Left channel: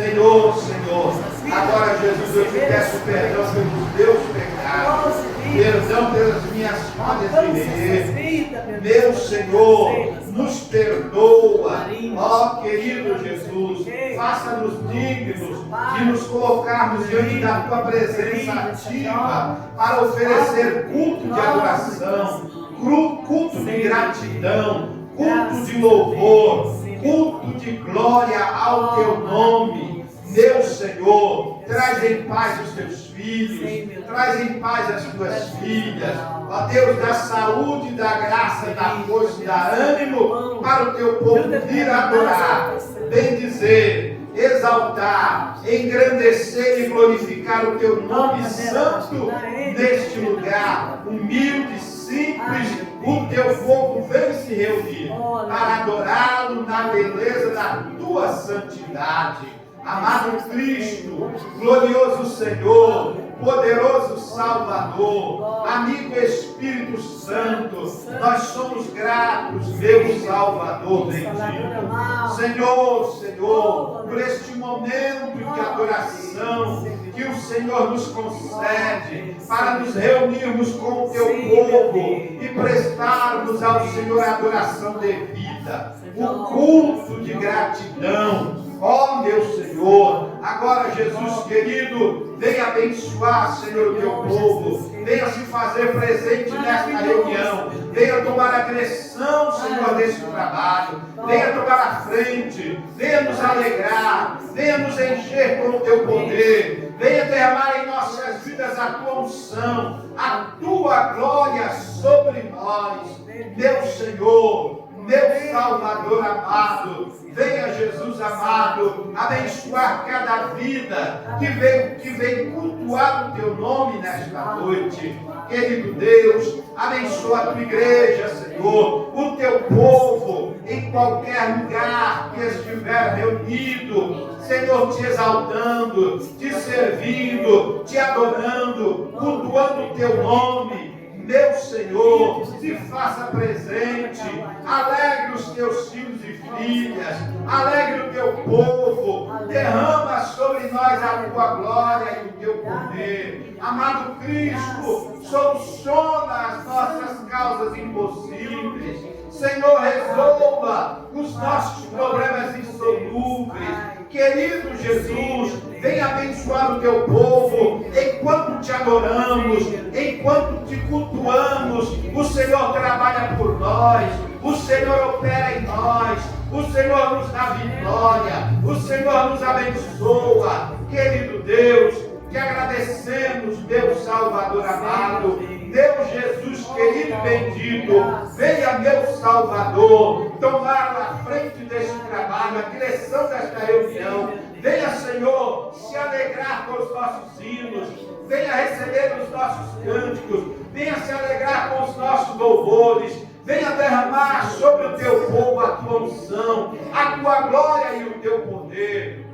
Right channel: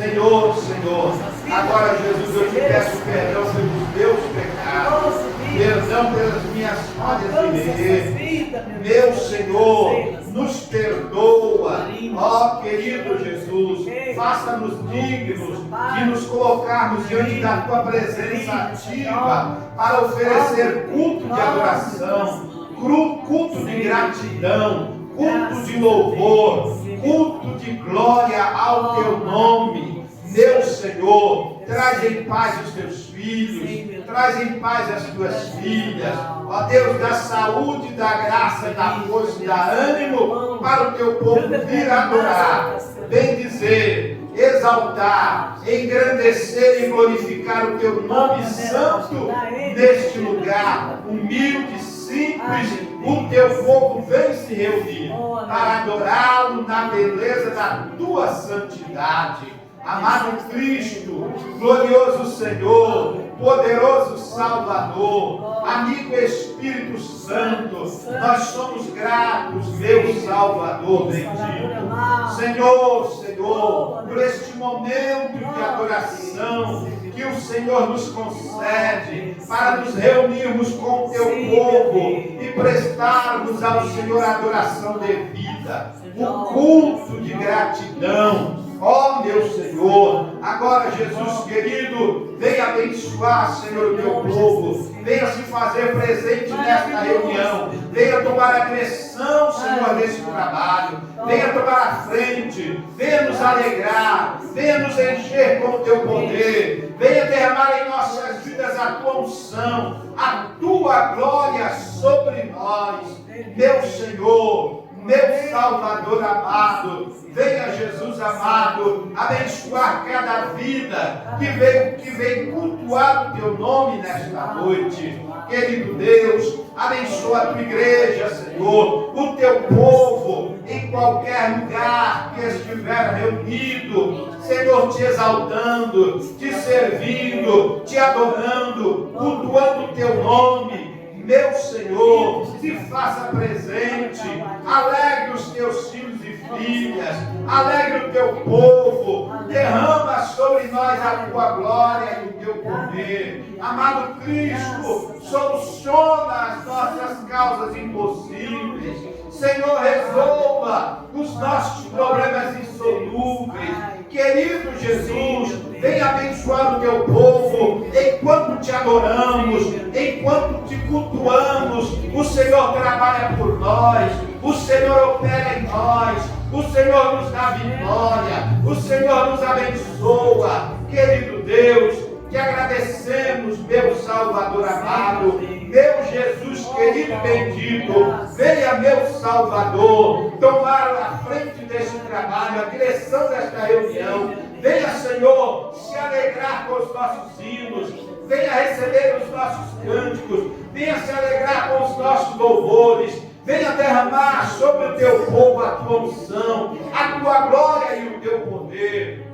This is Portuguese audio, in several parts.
Senhor, agora, Jesus, eu te peço perdão pelos meus pecados, perdão pelas minhas falhas de viver. Meu Senhor, nos perdoa, ó querido Jesus, faça-nos dignos de nos colocarmos diante da tua presença ativa para oferecer culto de adoração, culto de gratidão, culto de louvor, culto de glória ao teu nome. Meu Senhor, traz em paz os teus filhos, traz em paz as tuas filhas, ó Deus, da saúde, da graça, da força e da ânimo para o teu povo vir adorar, bendizer, exaltar, engrandecer e glorificar o teu nome santo neste lugar, humilde, simples. O teu povo vem se reunir para adorá-lo na beleza da tua santidade. Amado Cristo, glorioso Senhor, poderoso Salvador, amigo Espírito Santo, nós somos gratos, meu Salvador bendito. Senhor, por este momento de adoração que o Senhor nos concede para nos reunirmos com o teu povo e prestarmos ao Senhor a adoração devida, o culto de gratidão. Ó meu Senhor, agora Jesus querido, venha abençoar, Senhor, o teu povo, venha se fazer presente nesta reunião, venha tomar a direção, Senhor, desse trabalho, venha tomar a frente, venha nos alegrar, venha nos encher com o teu poder, venha derramar em nossas vidas a tua unção, a tua glória sobre nós, meu Senhor, meu Salvador amado. Venha, Jesus amado, abençoar cada vida que vem cultuar o teu nome nesta noite. Querido Deus, abençoa a tua igreja, Senhor, o teu povo, em qualquer lugar que estiver reunido, Senhor, te exaltando, te servindo, te adorando, cultuando o teu nome. Meu Senhor, se faça presente, alegre os teus filhos e filhas, alegre o teu povo, derrama sobre nós a tua glória e o teu poder. Amado Cristo, soluciona as nossas causas impossíveis. Senhor, resolva os nossos problemas insolúveis. Querido Jesus, venha abençoar o teu povo, enquanto te adoramos, enquanto te cultuamos, o Senhor trabalha por nós, o Senhor opera em nós, o Senhor nos dá vitória, o Senhor nos abençoa. Querido Deus, te agradecemos, meu Salvador amado, meu Jesus querido e bendito, venha, meu Salvador, tomar a frente deste trabalho, a direção desta reunião. Venha, Senhor, se alegrar com os nossos hinos, venha receber os nossos cânticos, venha se alegrar com os nossos louvores, venha derramar sobre o teu povo a tua unção, a tua glória e o teu poder.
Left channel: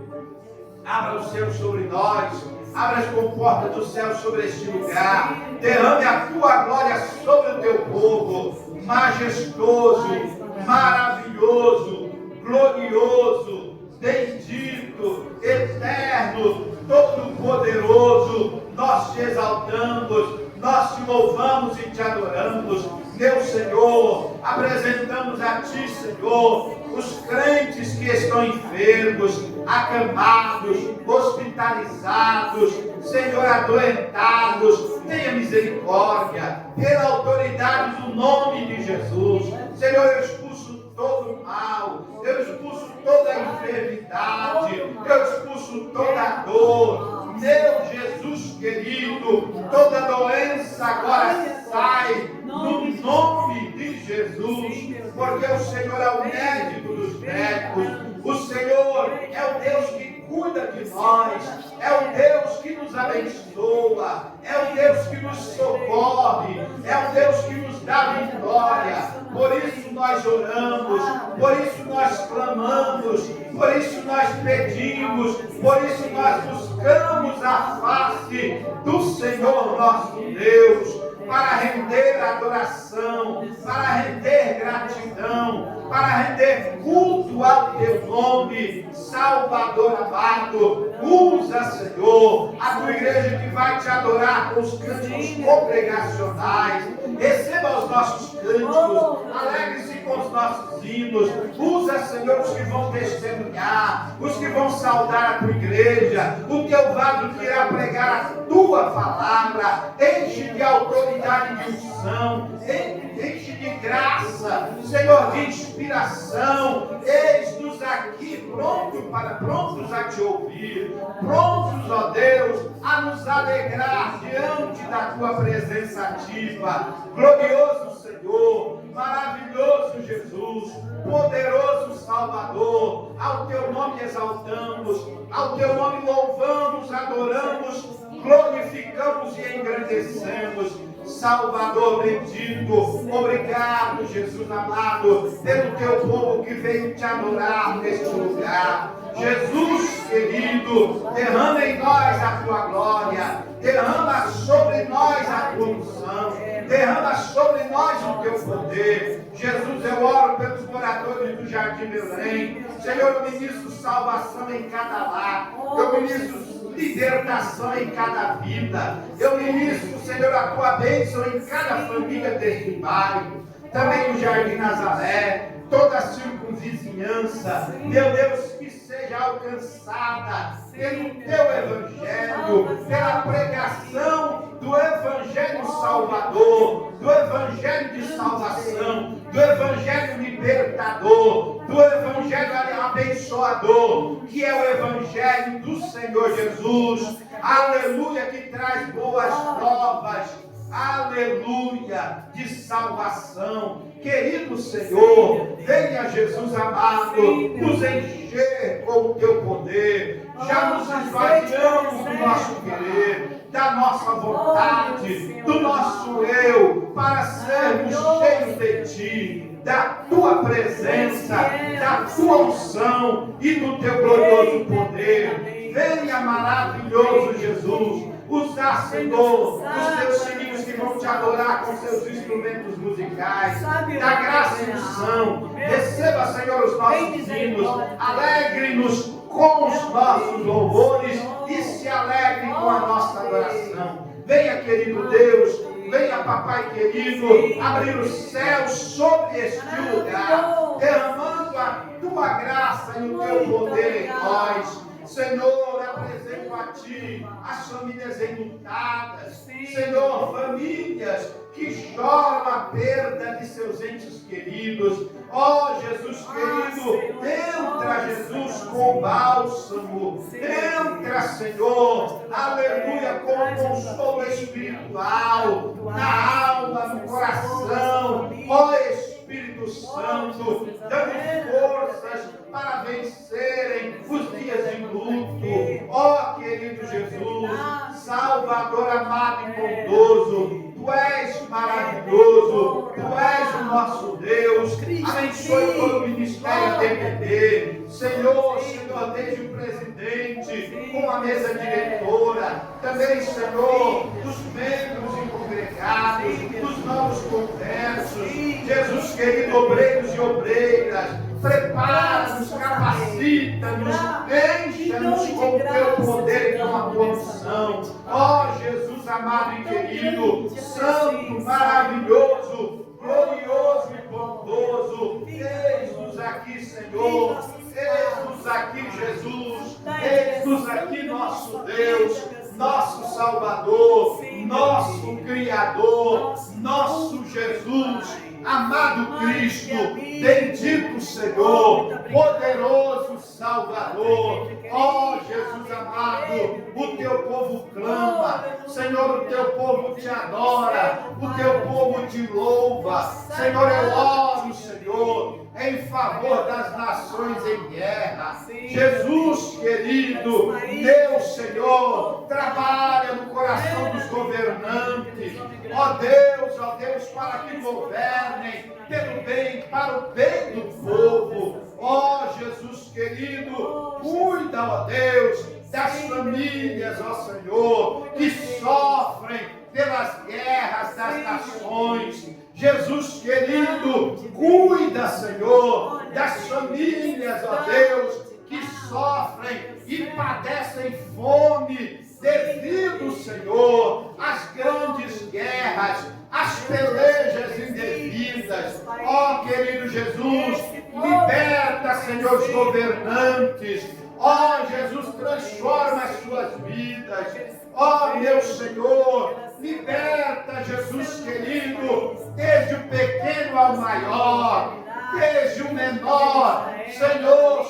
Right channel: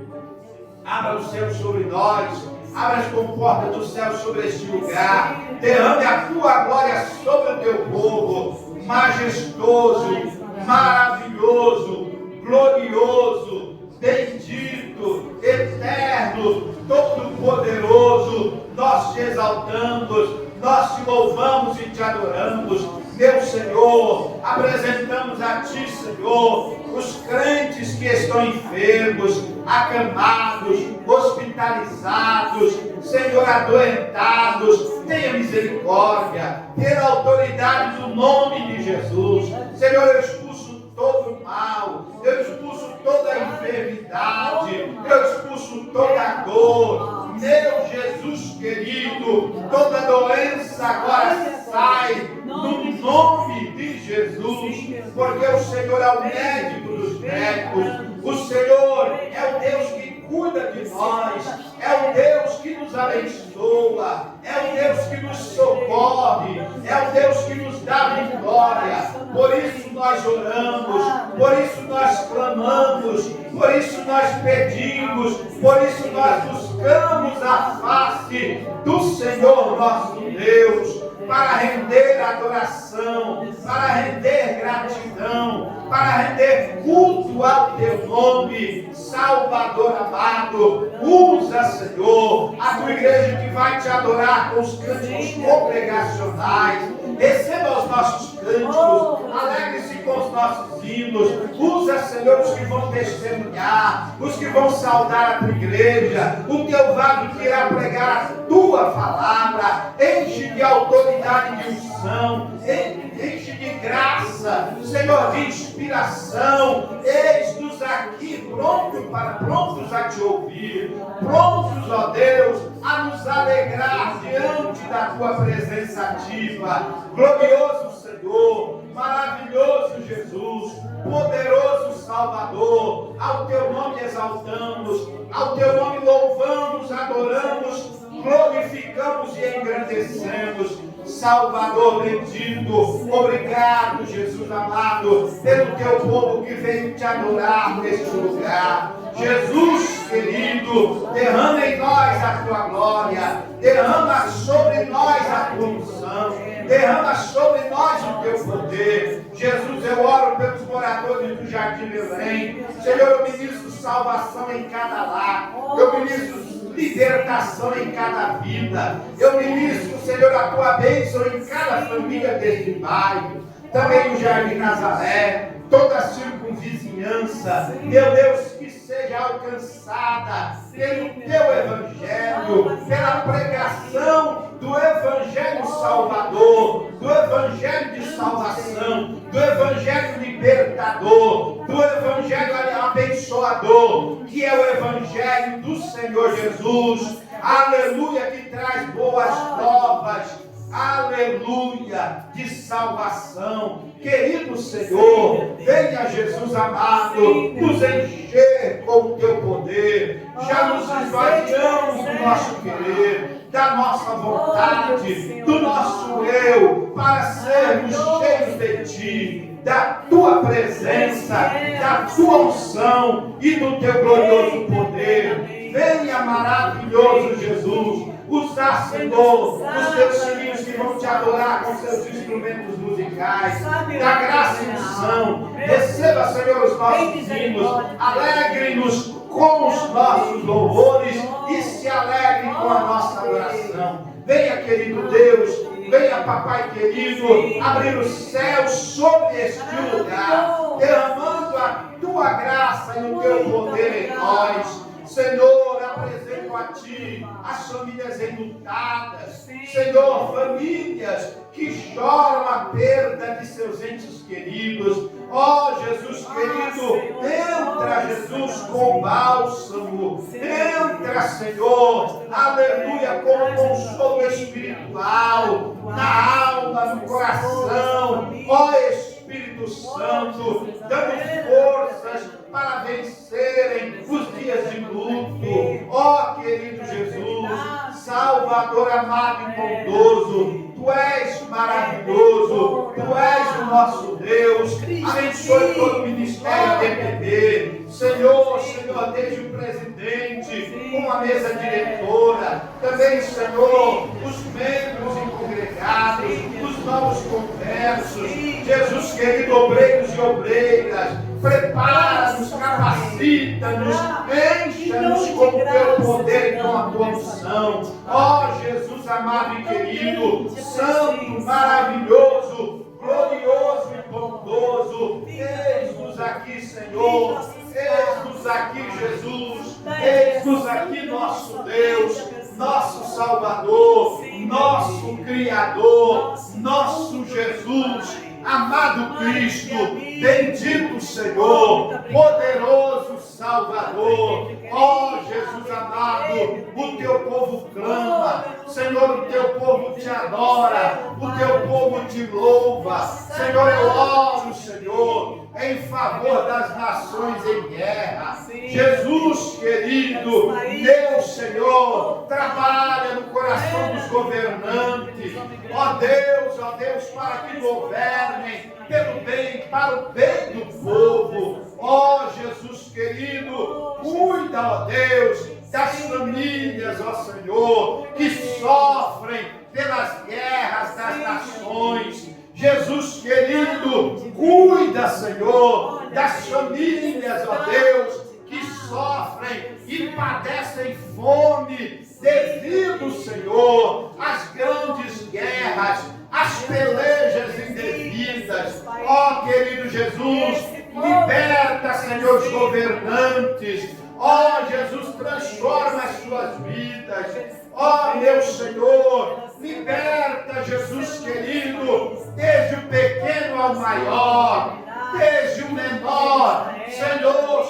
Abra os céus sobre nós, abra as comportas do céu sobre este lugar, derrame a tua glória sobre o teu povo, majestoso, maravilhoso, glorioso, bendito, eterno, todo-poderoso. Nós te exaltamos, nós te louvamos e te adoramos. Meu Senhor, apresentamos a Ti, Senhor, os crentes que estão enfermos, acamados, hospitalizados, Senhor, adoentados. Tenha misericórdia, pela autoridade do nome de Jesus. Senhor, eu expulso todo o mal, eu expulso toda a enfermidade, eu expulso toda a dor. Meu Jesus querido, toda doença agora sai no nome de Jesus, porque o Senhor é o médico dos médicos, o Senhor é o Deus que cuida de nós, é o Deus que nos abençoa, é o Deus que nos socorre, é o Deus que nos dá vitória. Por isso nós oramos, por isso nós clamamos, por isso nós pedimos, por isso nós buscamos a face do Senhor nosso Deus. para render adoração, para render gratidão, para render culto ao teu nome, Salvador amado. Usa, Senhor, a tua igreja que vai te adorar com os cânticos congregacionais. Receba os nossos cânticos, alegre-se com os nossos hinos. Usa, Senhor, os que vão testemunhar, os que vão saudar a tua igreja, o teu vaso que irá pregar a tua palavra. Enche de autoridade e de unção, enche de graça, Senhor, de inspiração. Eis-nos aqui prontos a te ouvir, prontos, ó Deus, a nos alegrar diante da tua presença ativa. Glorioso Senhor, maravilhoso Jesus, poderoso Salvador, ao teu nome exaltamos, ao teu nome louvamos, adoramos, glorificamos e engrandecemos. Salvador bendito, obrigado, Jesus amado, pelo teu povo que veio te adorar neste lugar. Jesus querido, derrama em nós a tua glória, derrama sobre nós a tua unção, derrama sobre nós o teu poder. Jesus, eu oro pelos moradores do Jardim Belém. Senhor, eu ministro salvação em cada lar, eu ministro libertação em cada vida. Eu ministro, Senhor, a tua bênção em cada família deste bairro. Também o Jardim Nazaré, toda a circunvizinhança, meu Deus, que seja alcançada pelo teu evangelho, pela pregação do evangelho salvador, do evangelho de salvação, do evangelho libertador, do evangelho abençoador, que é o evangelho do Senhor Jesus. Aleluia, que traz boas novas. Aleluia, de salvação. Querido Senhor, venha, Jesus amado, nos encher com o teu poder. Já nos esvaziamos do nosso querer, da nossa vontade, do nosso eu, para sermos cheios de ti, da tua presença, da tua unção e do teu glorioso poder. Venha, maravilhoso Jesus, usar, Senhor, os teus filhos que vão te adorar com seus instrumentos musicais, da graça e unção. Receba, Senhor, os nossos hinos, alegre-nos com os nossos louvores e se alegre com a nossa oração. Venha, querido Deus, venha, papai querido, abrir os céus sobre este lugar, derramando a tua graça e o teu poder em nós. Senhor, apresento a ti as famílias enlutadas, Senhor, famílias que choram a perda de seus entes queridos. Ó Jesus querido, entra, Jesus, com bálsamo, entra, Senhor, aleluia, com consolo espiritual, na alma, no coração. Ó Espírito Santo, dando forças para vencerem os dias de luto. Ó querido Jesus, Salvador amado e bondoso, tu és maravilhoso, tu és o nosso Deus. Abençoe todo o ministério DPB, Senhor, desde o presidente, com a mesa diretora, também, Senhor, os membros e congregados, os novos conversos. Jesus querido, obreiros e obreiras, prepara-nos, capacita-nos, encha-nos com o teu poder e com a tua unção. Ó Jesus amado e querido, santo, maravilhoso, glorioso e bondoso, eis-nos aqui, Senhor, eis-nos aqui, Jesus, eis-nos aqui, nosso Deus, nosso Salvador, nosso Criador, nosso Jesus, amado Cristo, bendito Senhor, poderoso Salvador. Ó Jesus amado, o teu povo clama, Senhor, o teu povo te adora, o teu povo te louva. Senhor, eu oro, Senhor, em favor das nações em guerra. Jesus querido, meu Senhor, trabalha no coração dos governantes. Ó Deus, para que governem pelo bem, para o bem do povo. Ó Jesus querido, cuida, ó Deus, das famílias, ó Senhor, que sofrem pelas guerras, das famílias, ó Deus, que sofrem e padecem fome devido, Senhor, às grandes guerras, às pelejas indevidas. Ó querido Jesus, liberta, Senhor, os governantes. Ó Jesus, transforma as suas vidas. Ó meu Senhor, liberta, Jesus querido, desde o pequeno ao maior, desde o menor, Senhor,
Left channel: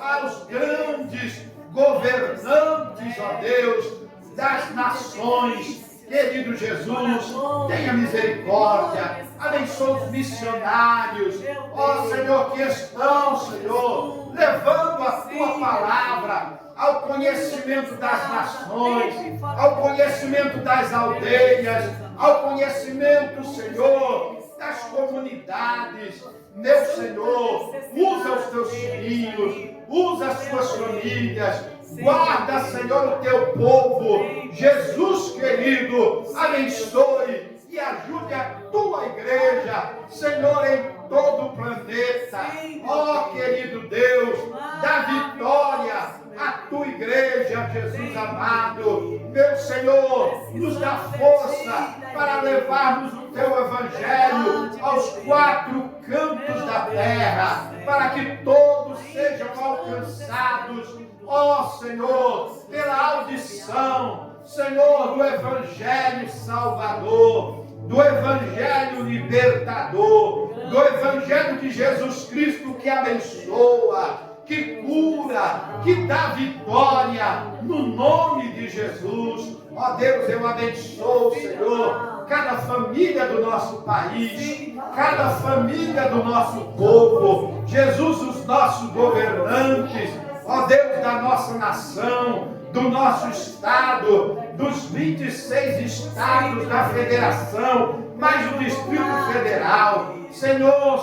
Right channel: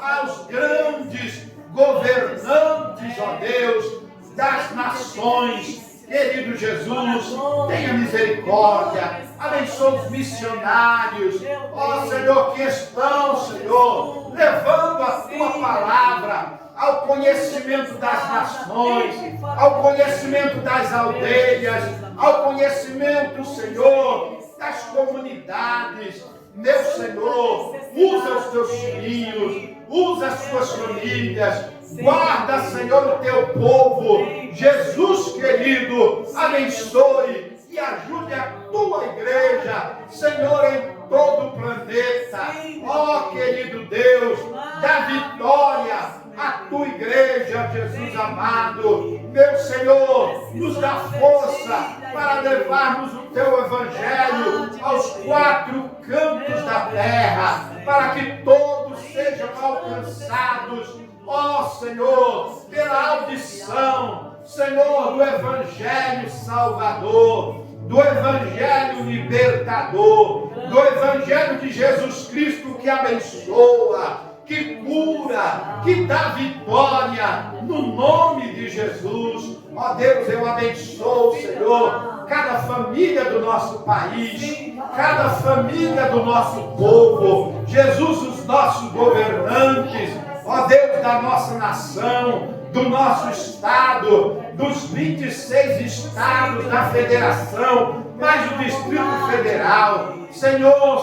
aos grandes governantes, ó Deus, das nações. Querido Jesus, tenha misericórdia, abençoe os missionários, ó Senhor, que estão, Senhor, levando a tua palavra ao conhecimento das nações, ao conhecimento das aldeias, ao conhecimento, Senhor, das comunidades. Meu Senhor, usa os teus filhos, usa as tuas famílias, guarda, Senhor, o teu povo. Jesus querido, abençoe e ajude a tua igreja, Senhor, em todo o planeta. Ó querido Deus, dá vitória à tua igreja, Jesus amado. Meu Senhor, nos dá força para levarmos o teu evangelho aos quatro cantos da terra, para que todos sejam alcançados, ó Senhor, pela audição, Senhor, do evangelho salvador, do evangelho libertador, do evangelho de Jesus Cristo que abençoa, que cura, que dá vitória, no nome de Jesus. Ó Deus, eu abençoo, Senhor, cada família do nosso país, cada família do nosso povo, Jesus, os nossos governantes, ó Deus, da nossa nação, do nosso estado, dos 26 estados da federação, mais o Distrito Federal. Senhor,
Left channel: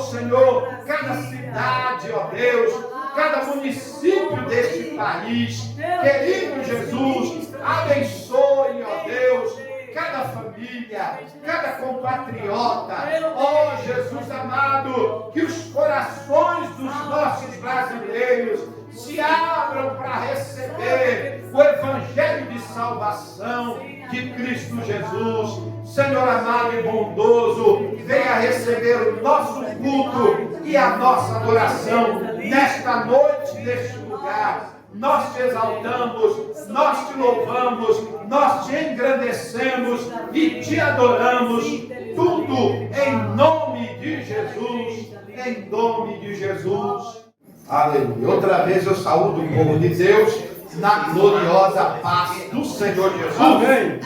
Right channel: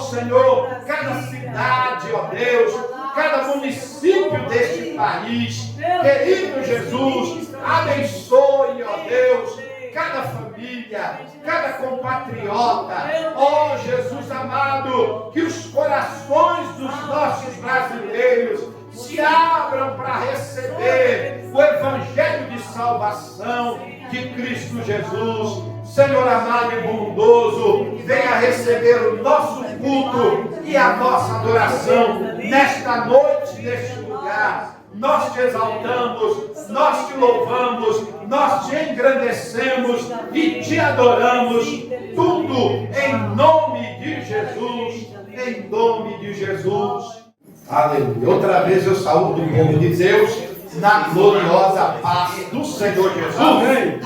cada cidade, ó Deus, cada município deste país, querido Jesus, abençoe, ó Deus, cada família, cada compatriota, ó Jesus amado, que os corações dos nossos brasileiros se abram para receber o evangelho de salvação de Cristo Jesus. Senhor amado e bondoso, venha receber o nosso culto e a nossa adoração nesta noite, neste lugar. Nós te exaltamos, nós te louvamos, nós te engrandecemos e te adoramos, tudo em nome de Jesus, em nome de Jesus. Aleluia. Outra vez eu saúdo o povo de Deus na gloriosa paz do Senhor Jesus. Amém.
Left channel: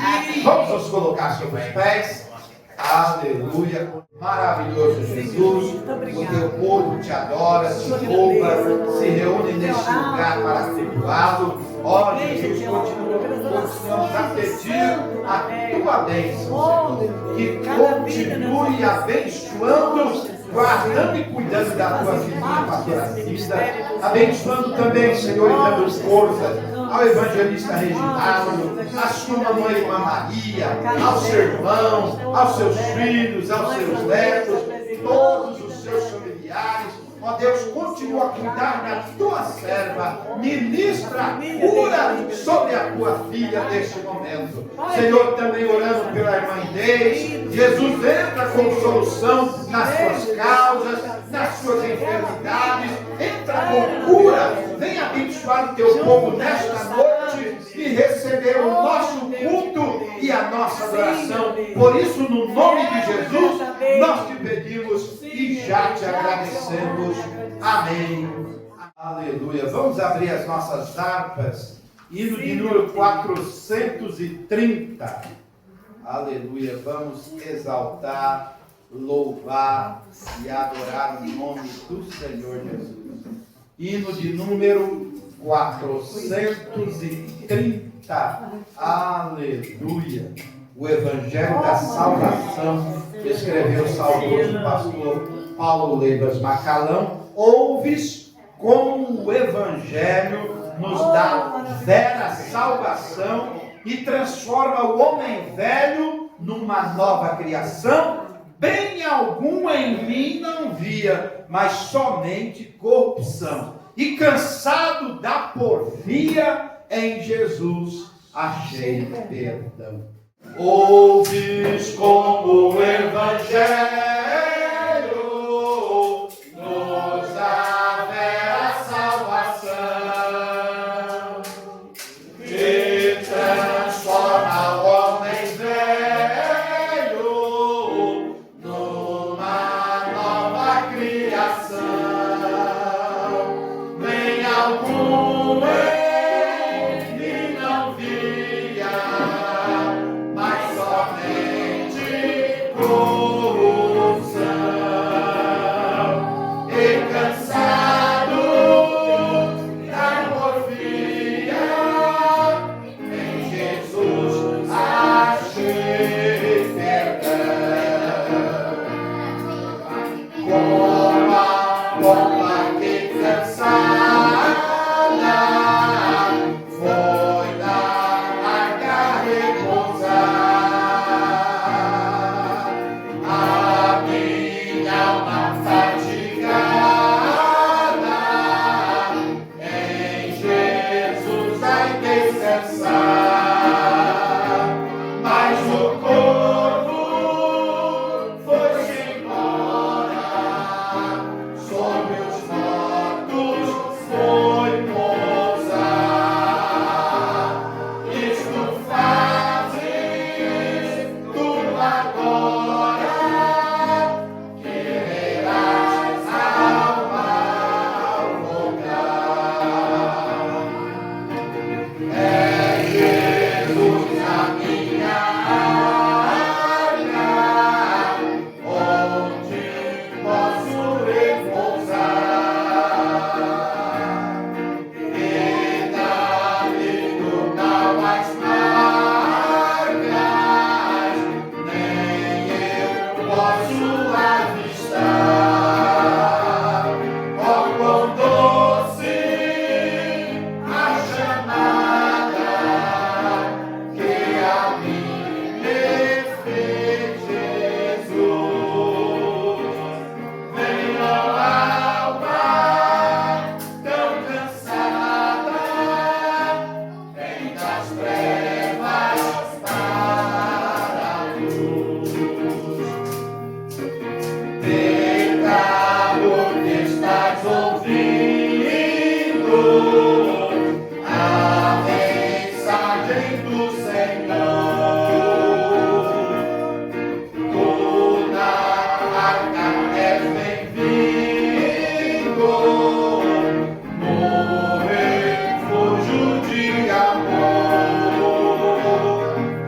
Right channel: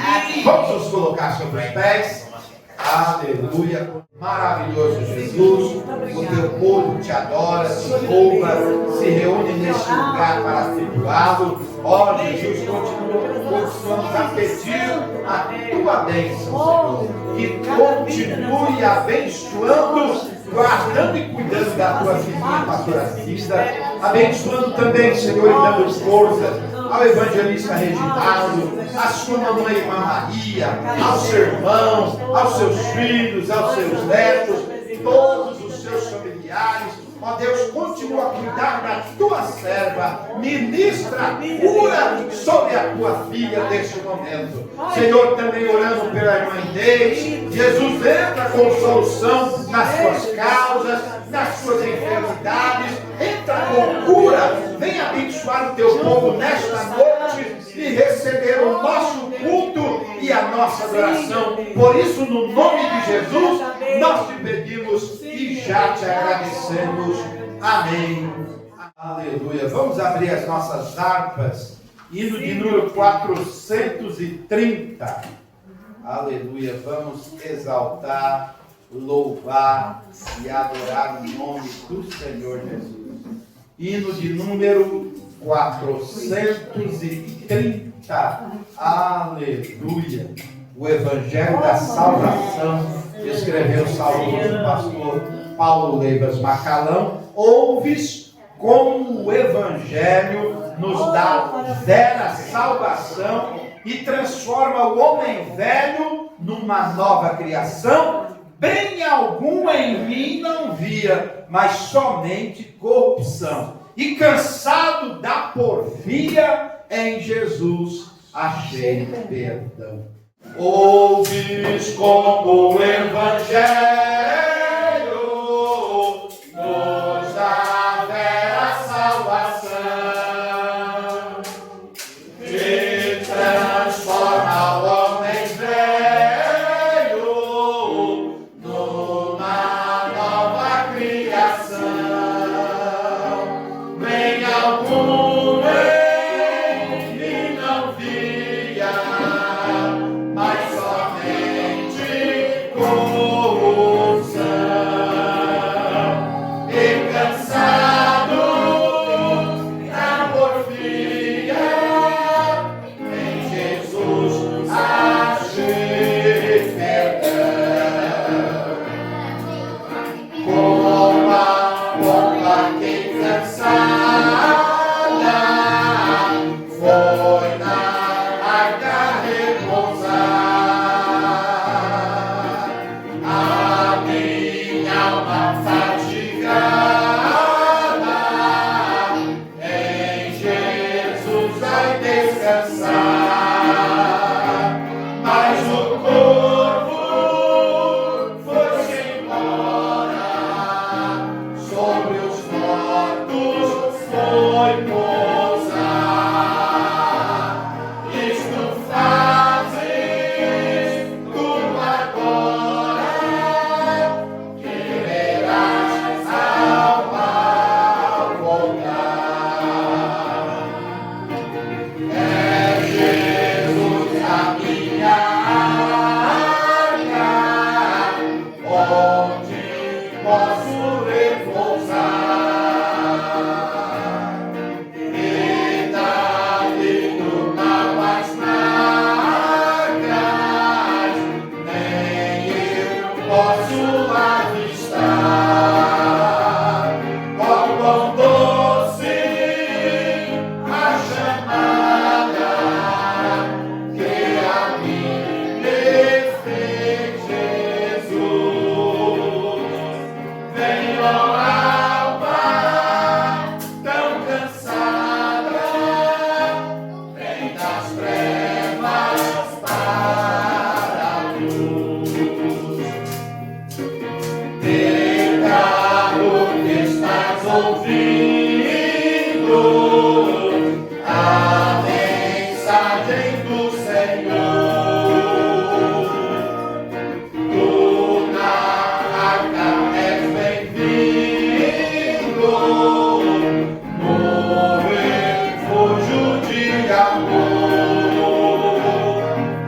Vamos nos colocar sobre os pés. Aleluia. Maravilhoso Jesus. O teu povo te adora, te louva, se reúne neste lugar para cultuá-lo. Ó Jesus, continuamos a pedir a tua bênção, Senhor. Que continue abençoando, guardando e cuidando da tua filhinha, pastora Cida, abençoando também, Senhor, e dando força ao evangelista Reginaldo, à sua mamãe Irmã Maria, aos seus irmãos, aos seus filhos, aos seus netos, todos os seus familiares. Ó Deus, continua a cuidar da tua serva, ministra cura sobre a tua filha neste momento. Senhor, também orando pela irmã Inês, Jesus entra com solução nas suas causas, nas suas enfermidades, entra com cura, vem abençoar o teu povo nesta noite e receber o nosso culto e a nossa adoração. Por isso, no nome de Jesus, nós te pedimos e já te agradecemos. Amém. Aleluia. Vamos abrir as nossas harpas, hino de número 430. Aleluia. Vamos exaltar, louvar e adorar o nome do Senhor Jesus. Hino de número 430. Aleluia. O Evangelho da Salvação, que escreveu o saudoso pastor Paulo Leivas Macalão. Ouves como o Evangelho nos dá vera salvação e transforma o homem velho numa nova criação. bem algum em mim não via, mas somente corrupção. E cansado da porfia, em Jesus achei perdão. Ouvis como o Evangelho nos dá vera salvação, que transforma o homem velho numa nova criação. Nem algum ele não via, mas somente corrupção. E cansado da porfia, em Jesus achei perdão. Como a pomba que cansada foi na arca repousar, a minha alma fatigada em Jesus vai descansar. Mas o corvo foi-se embora, sobre os mortos foi pousar. Isto fazes tu agora, que verás alma voltar. É Jesus a minha arca, onde posso repousar. E dali do mal as marcas, nem eu posso avistar. Oh, quão doce a chamada que a mim me fez Jesus. Vem, ó alma tão cansada, vem das trevas para a luz. Pecador que estás ouvindo a mensagem do Senhor, tu na arca és bem-vindo, no refúgio de amor,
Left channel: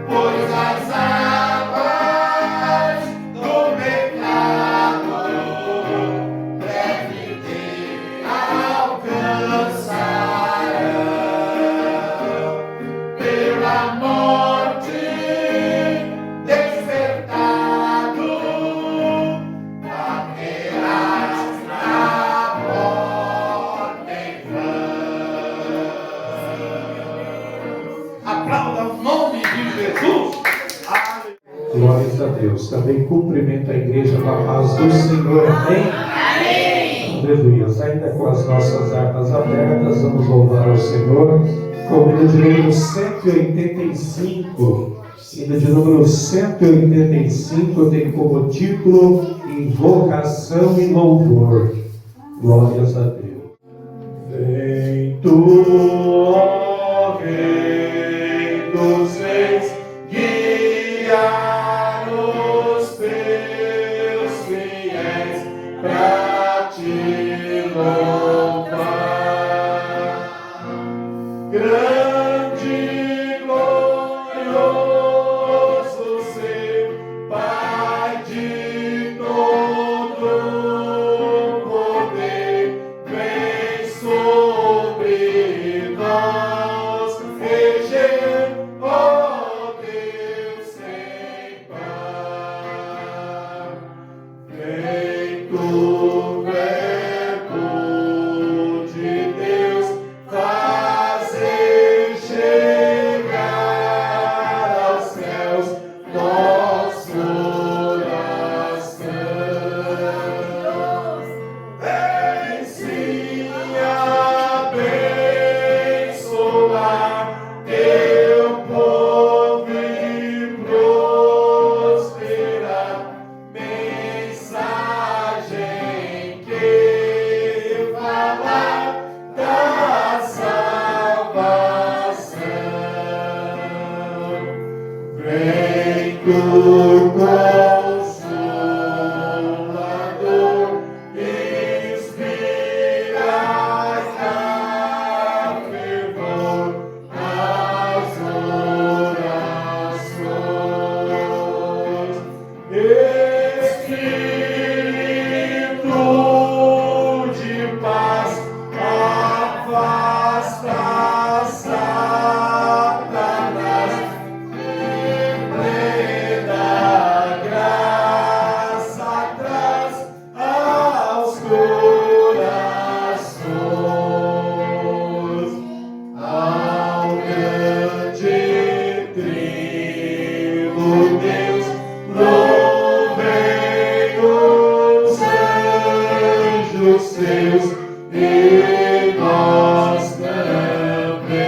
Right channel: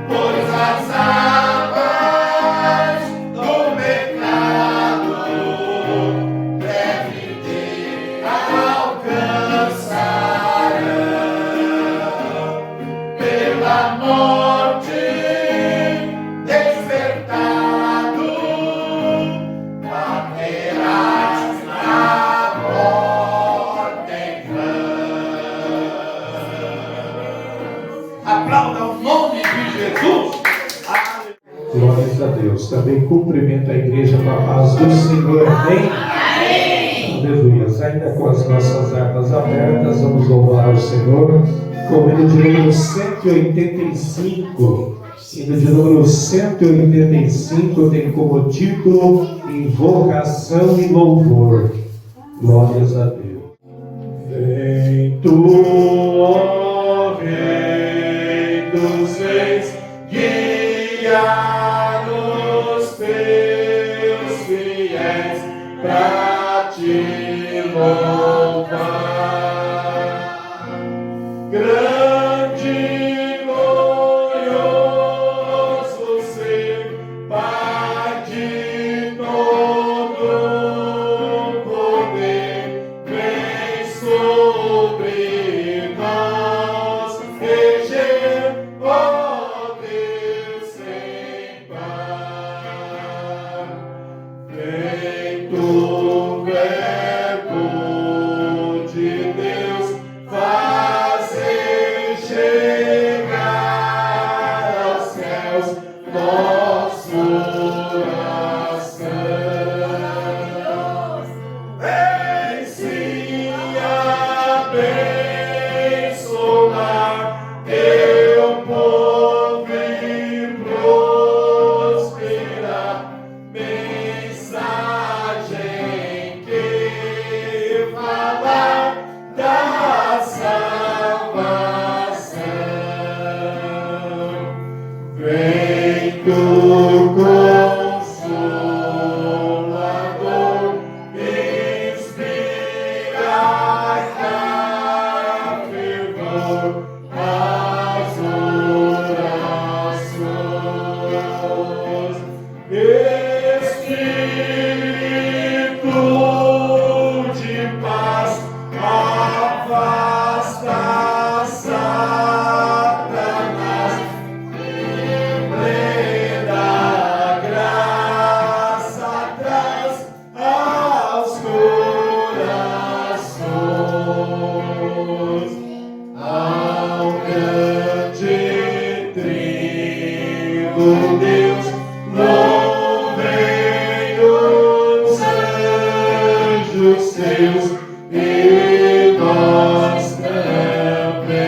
pois as águas do pecado breve te alcançarão. Pela morte despertado, baterás na porta em vão. Aplauda o nome de Jesus. Glórias a Deus. Também cumprimento a igreja com a paz do Senhor. Amém? Aleluia. Ainda com as nossas armas abertas, vamos louvar ao Senhor. Com o hino de número 185. Hino de número 185 tem como título Invocação e Louvor. Glórias a Deus. Vem tu, ó Rei dos Reis, guiar os teus fiéis pra te louvar. Grande e glorioso ser, Pai de todo poder, vem sobre nós, reger, ó Deus sem par. Vem tu, Verbo de Deus, fazer Consolador, inspirai a fervor as orações. Espírito de paz, afasta Satanás, plena graça traz aos corações, ao grande trigo Deus, louvem os anjos seus e nós também.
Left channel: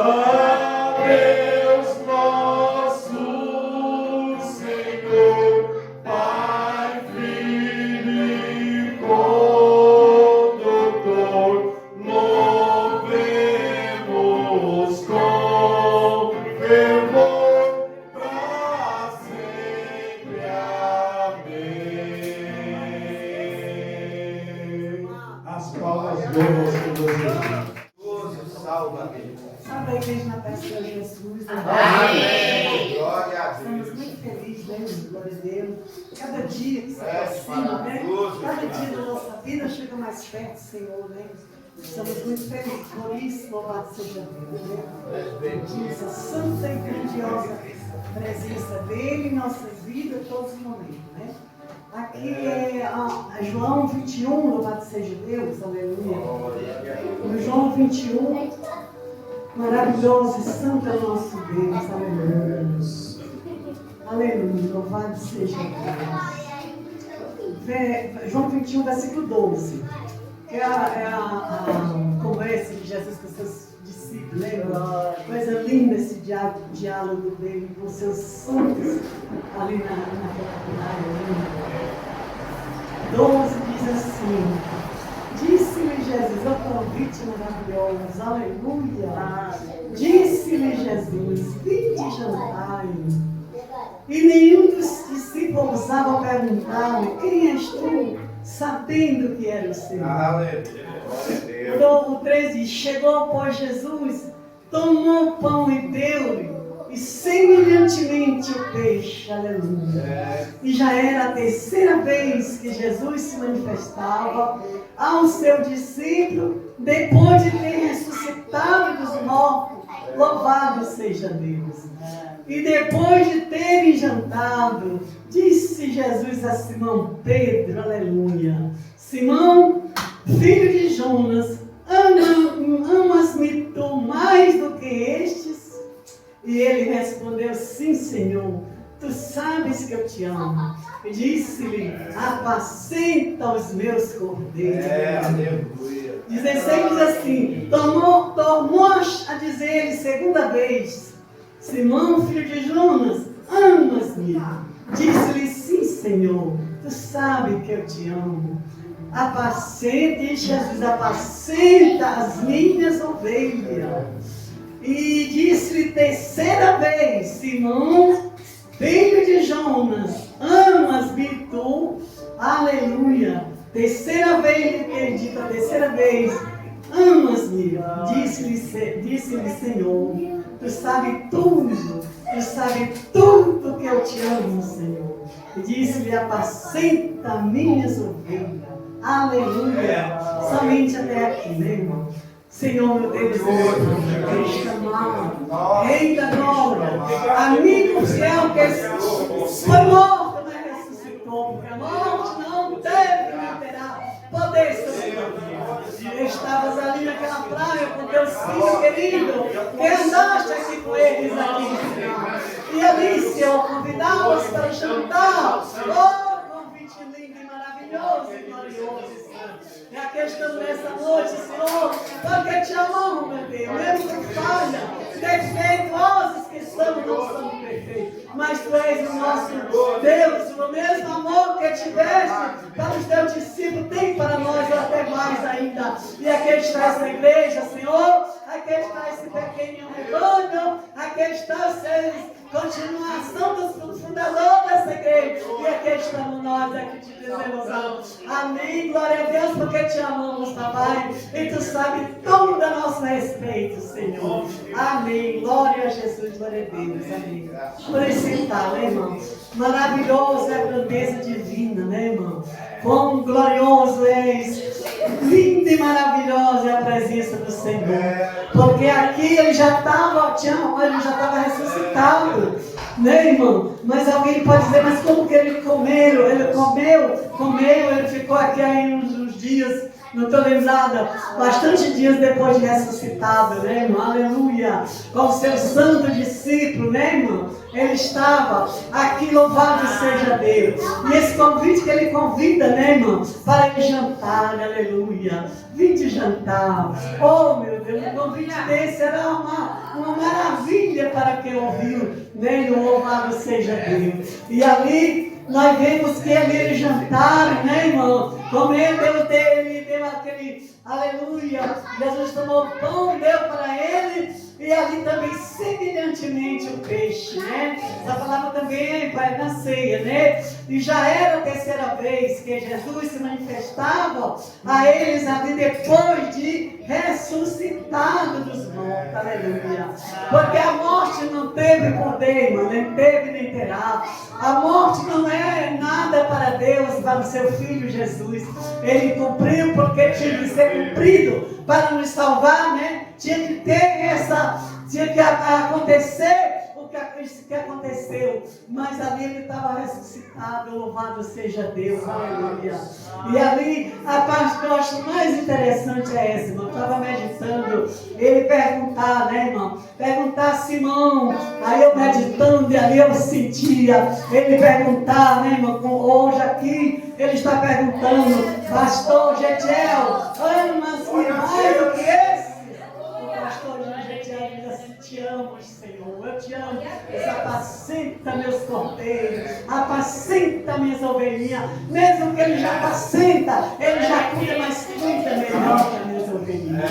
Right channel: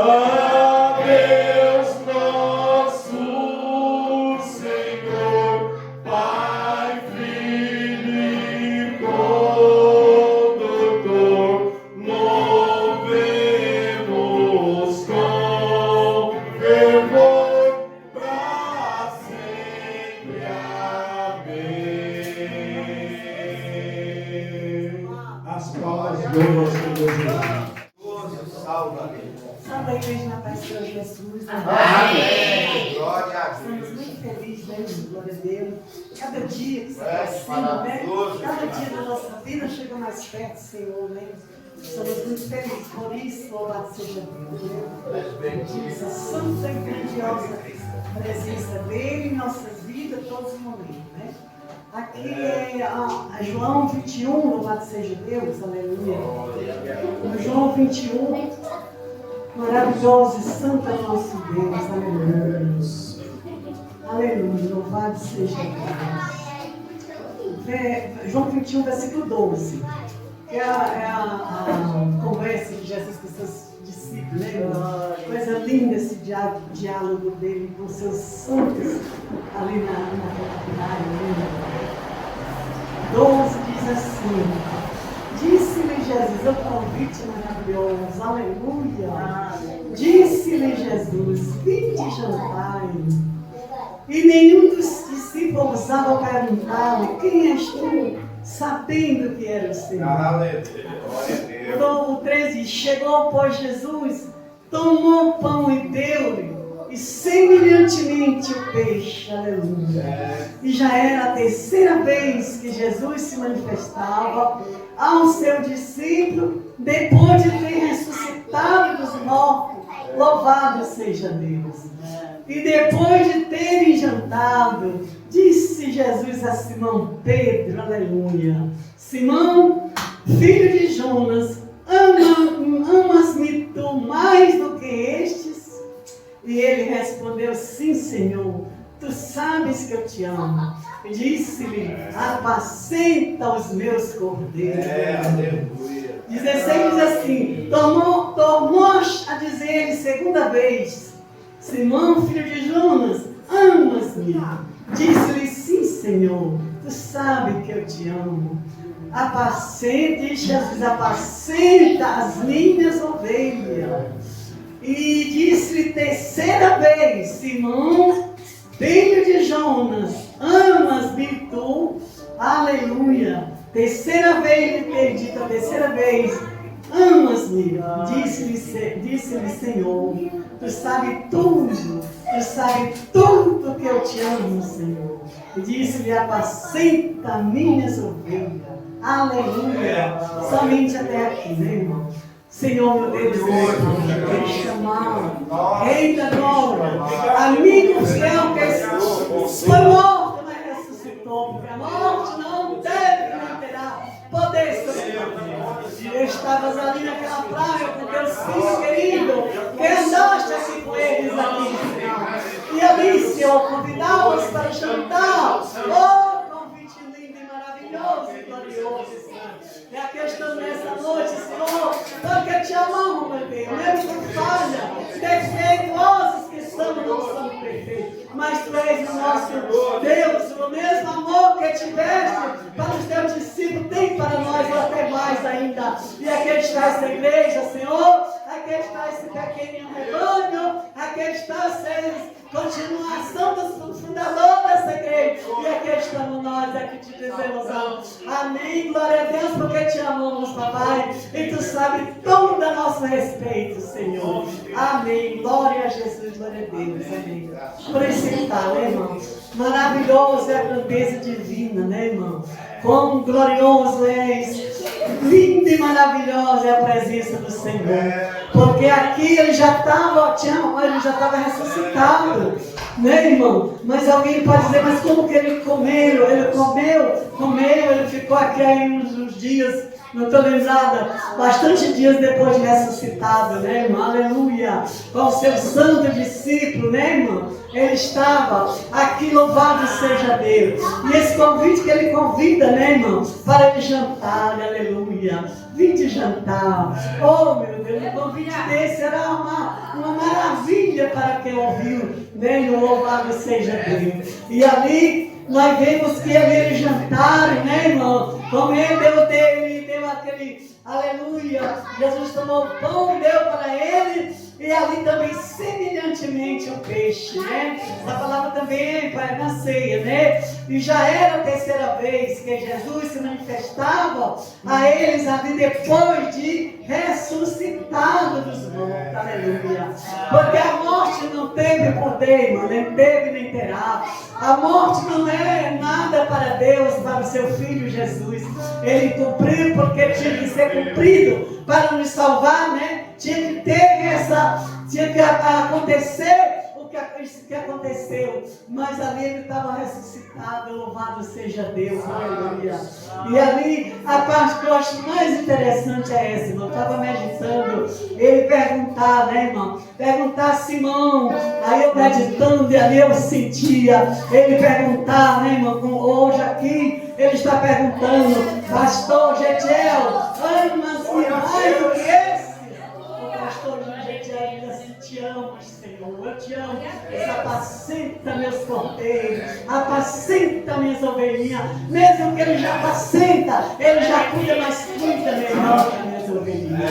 A Deus nosso Senhor, Pai, Filho e Condutor, louvemos com fervor para sempre. Amém. As palmas louvam ao Senhor Jesus. Salva-me. Salve a igreja na paz do Senhor Jesus. Amém. Glória a Estamos Deus. muito felizes, né? Glória a Deus. Cada dia que se aproxima, né? maravilhoso. Cada dia da nossa vida chega mais perto, Senhor, né? Estamos muito felizes por isso, louvado seja Deus, né? Pedimos a santa e grandiosa presença dele em nossas vidas, todos os momentos, né? Aqui é João 21, louvado seja Deus, aleluia. No João 21, maravilhoso e santo é o nosso Deus, aleluia. Aleluia, louvado seja Deus. João 21, versículo 12. É a conversa de Jesus com seus discípulos, né? Coisa linda esse diálogo dele com seus santos ali naquela praia. 12 diz assim: disse-lhe Jesus, o convite maravilhoso, aleluia. Disse-lhe Jesus: vinde jantai. E nenhum dos discípulos ousava perguntar-lhe: quem és tu? Sabendo que era o Senhor. Então, o 13: chegou, pois, Jesus, tomou o pão e deu-lhe, e semelhantemente o peixe, aleluia. E já era a terceira vez que Jesus se manifestava ao seu discípulo, depois de ter ressuscitado dos mortos, louvado seja Deus. E depois de terem jantado, disse Jesus a Simão Pedro, aleluia: Simão, filho de Jonas, amas-me tu mais do que estes? E ele respondeu: sim, Senhor, tu sabes que eu te amo. E disse-lhe: apacenta os meus cordeiros. Aleluia. 16 diz assim: tornou a dizer-lhe segunda vez: Simão, filho de Jonas, amas-me? Disse-lhe: sim, Senhor, tu sabes que eu te amo. Apacenta, diz Jesus, apacenta as minhas ovelhas. E disse-lhe terceira vez: Simão, filho de Jonas, amas-me tu? Aleluia. Terceira vez lhe perdi, a terceira vez: amas-me? Disse-lhe, Senhor, tu sabes tudo que eu te amo, Senhor. E disse-lhe: apacenta minhas ovelhas. Aleluia. Somente até aqui, né, irmão? Senhor, meu Deus, eu te chamar, Rei da glória, amigo fiel que foi morto, mas ressuscitou, porque a morte não teve, não terá poder sobre nós. Estavas ali naquela praia com teus filhos queridos, que andaste assim com eles ali, Senhor. E ali, Senhor, convidá-los para jantar. Oh, convite lindo e maravilhoso e glorioso, Senhor. E a questão nessa noite, Senhor, porque te amamos, meu Deus, mesmo com falha, defeituosos que somos, não somos perfeitos, mas tu és o nosso Deus, o mesmo amor que tiveste para os teus discípulos, tem para nós, e até mais ainda. E aqui está essa igreja, Senhor, a aqui está esse pequeno rebanho, aqui está vocês, continuação dos fundadores dessa igreja, e aqui estamos nós, aqui te dizemos amém, glória a Deus, porque te amamos, papai, e tu sabes tudo a nosso respeito, Senhor, amém, glória a Jesus, glória a Deus, amém. Por esse tal, né, irmão? Maravilhoso é a grandeza divina, né, irmão? Quão glorioso és, lindo e maravilhosa é a presença do Senhor. Porque aqui ele já estava, ele já estava ressuscitado, né, irmão? Mas alguém pode dizer, mas como que ele comeu? Ele comeu, ele ficou aqui aí uns dias, não estou lembrada, bastante dias depois de ressuscitado, né, irmão? Aleluia! Com o seu santo discípulo, né, irmão? Ele estava aqui, louvado seja Deus. E esse convite que ele convida, né, irmão? Para ele jantar, aleluia. Vinde jantar. Oh, meu Deus, o convite desse era uma maravilha para quem ouviu, né? E o louvado seja Deus. E ali nós vemos que ele jantaram, né, irmão? Comendo, ele deu aquele, aleluia. Jesus tomou pão e deu para ele. E ali também, semelhantemente, o peixe, né? Essa palavra também vai na ceia, né? E já era a terceira vez que Jesus se manifestava a eles ali depois de ressuscitado dos mortos, aleluia. Porque a morte não teve poder, nem teve nem terá. A morte não é nada para Deus, para o seu Filho Jesus. Ele cumpriu porque tinha que ser cumprido para nos salvar, né? Tinha que acontecer isso que aconteceu, mas ali ele estava ressuscitado, louvado seja Deus, aleluia. E ali a parte que eu acho mais interessante é essa, irmão. Eu estava meditando, ele perguntar, né, irmão? Perguntar a Simão, aí eu meditando e ali eu sentia ele perguntar, né, irmão? Hoje aqui ele está perguntando, pastor Getiel, ama-se mais do que esse? O pastor Getiel diz assim, te amo, Senhor, eu te amo. Apacenta meus cordeiros, apacenta minhas ovelhinhas. Mesmo que ele já apacenta, ele já cuida, mas cuida melhor das minhas ovelhinhas.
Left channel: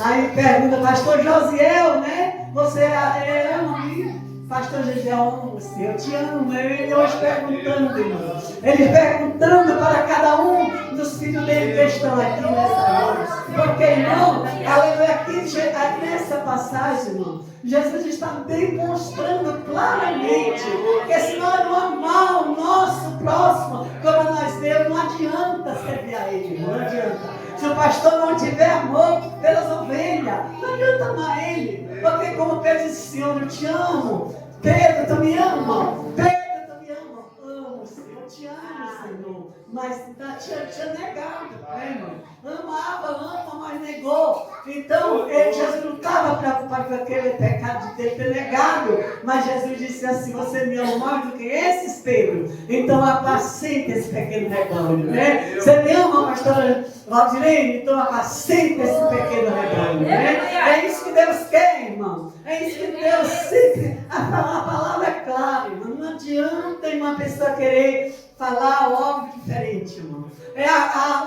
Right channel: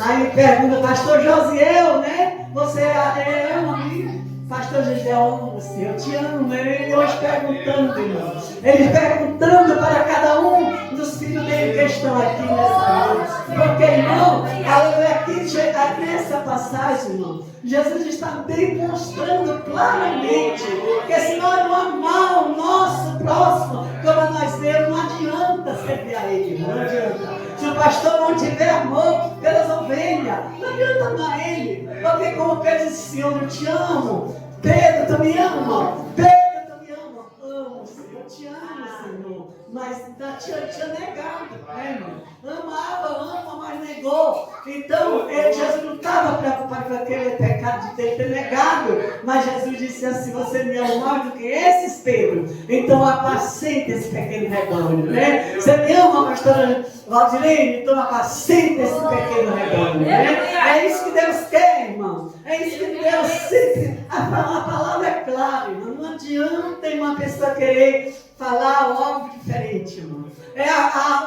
Aí pergunta, pastor Josiel, né? Você ama a pastor Josiel, amo você, eu te amo. Ele hoje perguntando, irmão. Ele perguntando para cada um dos filhos dele que estão aqui nessa noite. Porque, irmão, aqui nessa passagem, irmão, Jesus está demonstrando claramente que se nós não amar o nosso próximo como nós temos, não adianta servir a ele, não adianta. Se o pastor não tiver amor pelas ovelhas, não adianta amar ele. Porque como Pedro disse, Senhor, eu te amo. Pedro, tu me ama? Pedro, tu me ama? Amo, Senhor, eu te amo, Senhor. Mas tinha negado, né, irmão? Ama, mas negou. Então, Jesus não estava preocupado com aquele pecado de ter negado. Mas Jesus disse assim, você me ama mais do que esses, Pedro. Então, apacenta esse pequeno rebanho, né? Você me ama, pastora Valdirene? Então, apacenta esse pequeno rebanho, né? É isso que Deus quer, irmão. É isso que Deus sempre... A palavra é clara, irmão. Não adianta uma pessoa querer falar algo diferente, irmão. É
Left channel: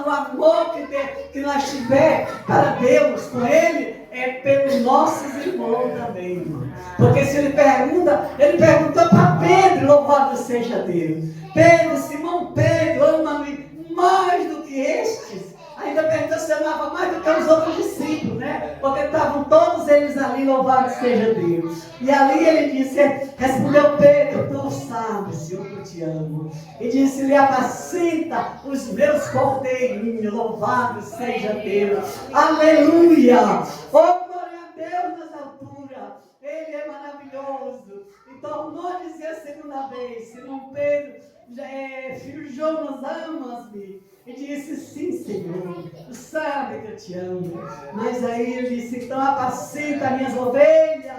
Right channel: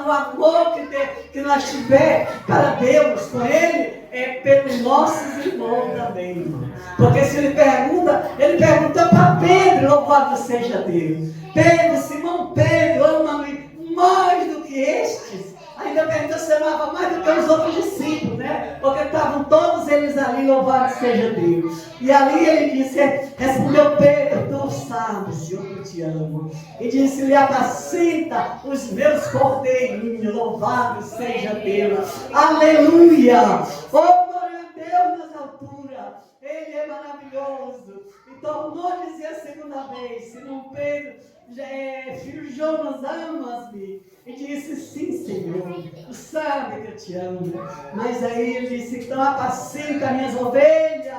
o amor que nós tivermos para Deus, com Ele, é pelos nossos irmãos também, irmão. Porque se ele perguntou para Pedro, louvado seja Deus. Pedro, Simão Pedro, ama-me mais do que estes. Ainda perguntou se amava mais do que os outros discípulos, né? Porque estavam todos eles ali, louvado seja Deus. E ali ele disse, respondeu Pedro, tu sabes, Senhor, que eu te amo. E disse-lhe, apacenta os meus cordeirinhos, louvado seja Deus. Aleluia! Oh, glória a Deus nas alturas. Ele é maravilhoso. E tornou a dizer a segunda vez, Simão Pedro, filho Jonas, amas-me? E disse, sim, Senhor, tu sabe que eu te amo. Mas aí ele disse, então apacenta minhas ovelhas.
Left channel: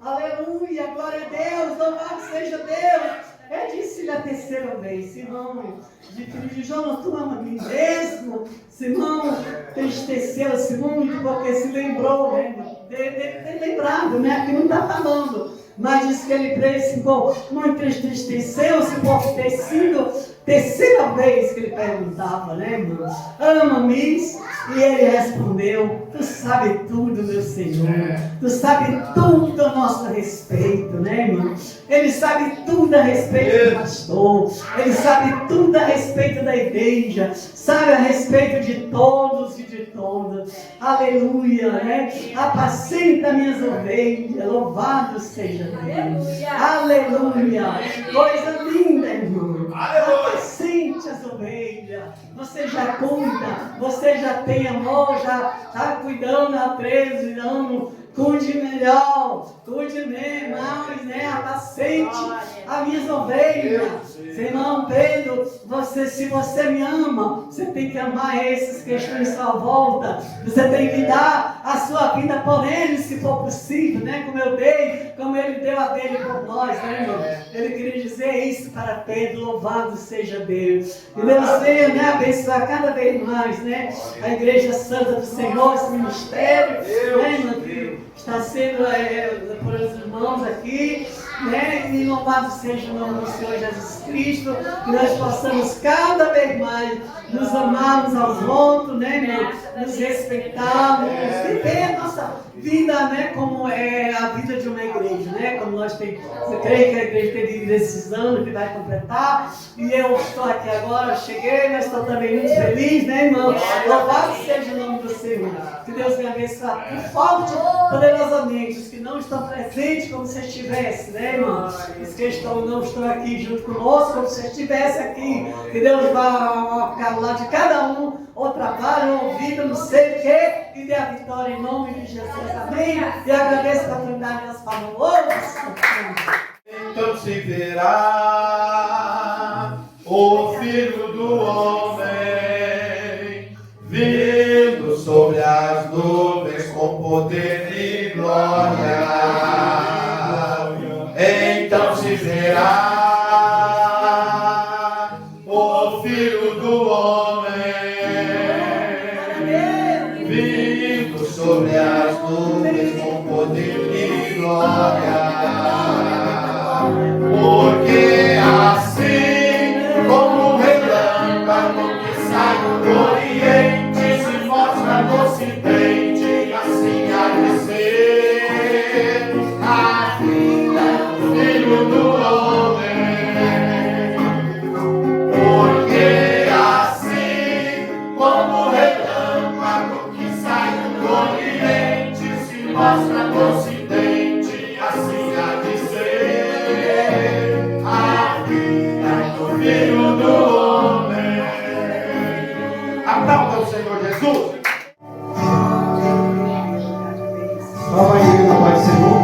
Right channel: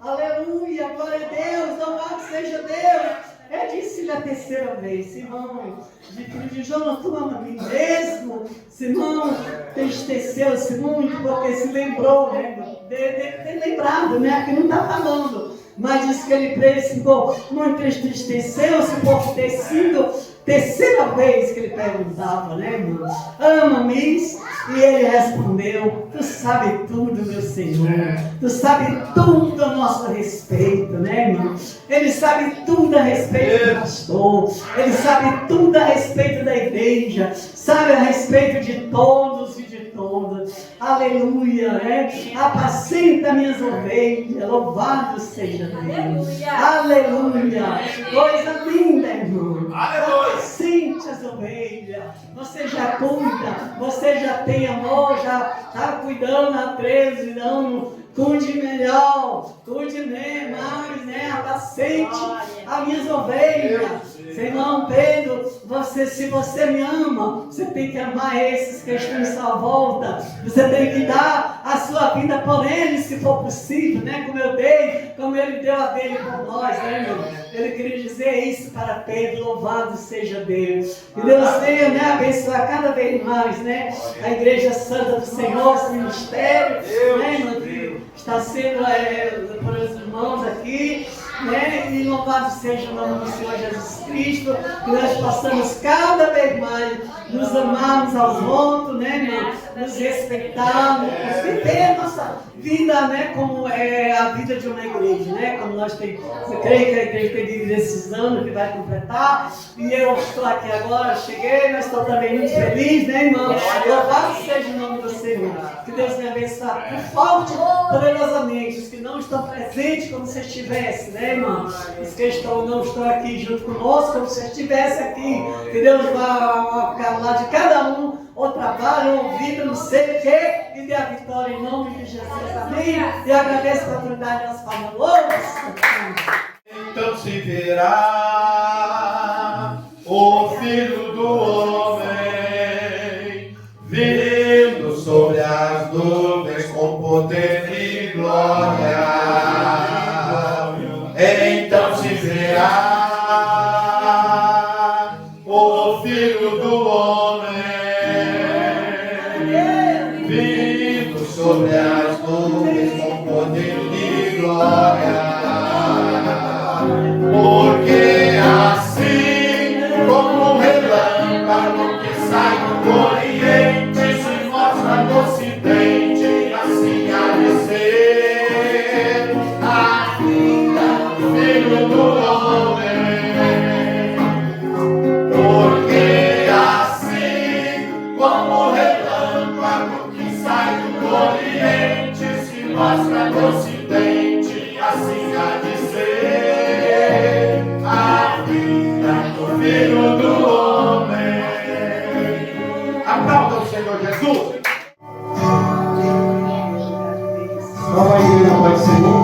Aleluia, glória a Deus, louvado seja Deus. Ele disse a terceira vez, Simão, filho de Jonas, tu ama a mim mesmo? Simão entristeceu-se muito porque se lembrou, né? Deve ter lembrado, né? Aqui não está falando. Mas diz que ele muito entristeceu-se por ter sido terceira vez que ele perguntava, né, irmão? Ama-me? E ele respondeu: tu sabe tudo, meu Senhor. Tu sabe tudo a nosso respeito, né, irmão? Ele sabe tudo a respeito do pastor. Ele sabe tudo a respeito da igreja. Sabe a respeito de todos e de todas. Aleluia, né? Apacenta minhas ovelhas. Louvado seja Deus. Aleluia. Coisa linda, irmão. Apacente as ovelhas. Você já cuida. Você já tem amor. Já está cuidando há 13 anos. Cuide melhor. Cuide mais, né? Apacente as minhas ovelhas. Irmão Pedro, se você me ama, você tem que amar esses que estão em sua volta. Você tem que dar a sua vida por eles, se for possível, né? Como eu dei, como ele deu a dele por nós, né, meu? Ele queria dizer isso para Pedro. Louvado seja Deus. E Deus venha, né, abençoar cada vez mais, né? A Igreja Santa do Senhor, esse ministério, né, meu Deus? Está sendo por os irmãos aqui, né? E louvado seja o nome do Senhor Jesus Cristo, que nós possamos cada vez mais nos amarmos aos outros, né, meu? Nos respeitarmos, viver a nossa vida, né, como é a vida de uma igreja, né? Como nós temos, eu creio que a igreja tem vivido esses anos que vai completar, e eu estou aqui agora, cheguei, mas estou também muito feliz, né, irmão? Louvado seja o nome do Senhor. Que Deus me abençoe forte, poderosamente, os que não estão presentes como se estivesse, né, irmão? Os que não estão aqui junto conosco, como se estivesse aqui. Que Deus vá ficar lá de cada um, ou trabalho, ou vida, não sei o quê, e dê a vitória em nome de Jesus. Amém? E agradeço a oportunidade das palavras. Então se verá o Filho do Homem vindo sobre as nuvens com poder e glória. Então se verá o Filho do Homem vindo sobre as nuvens com poder e glória. Porque assim como um relâmpago que sai do Oriente se mostra no Ocidente, assim há de ser a vida do Filho do Homem. Porque assim como um relâmpago que sai do Oriente se mostra no Ocidente, assim há de ser a vida do Filho do Homem. Aplauda o Senhor Jesus. Nova igreja, Pai do Senhor.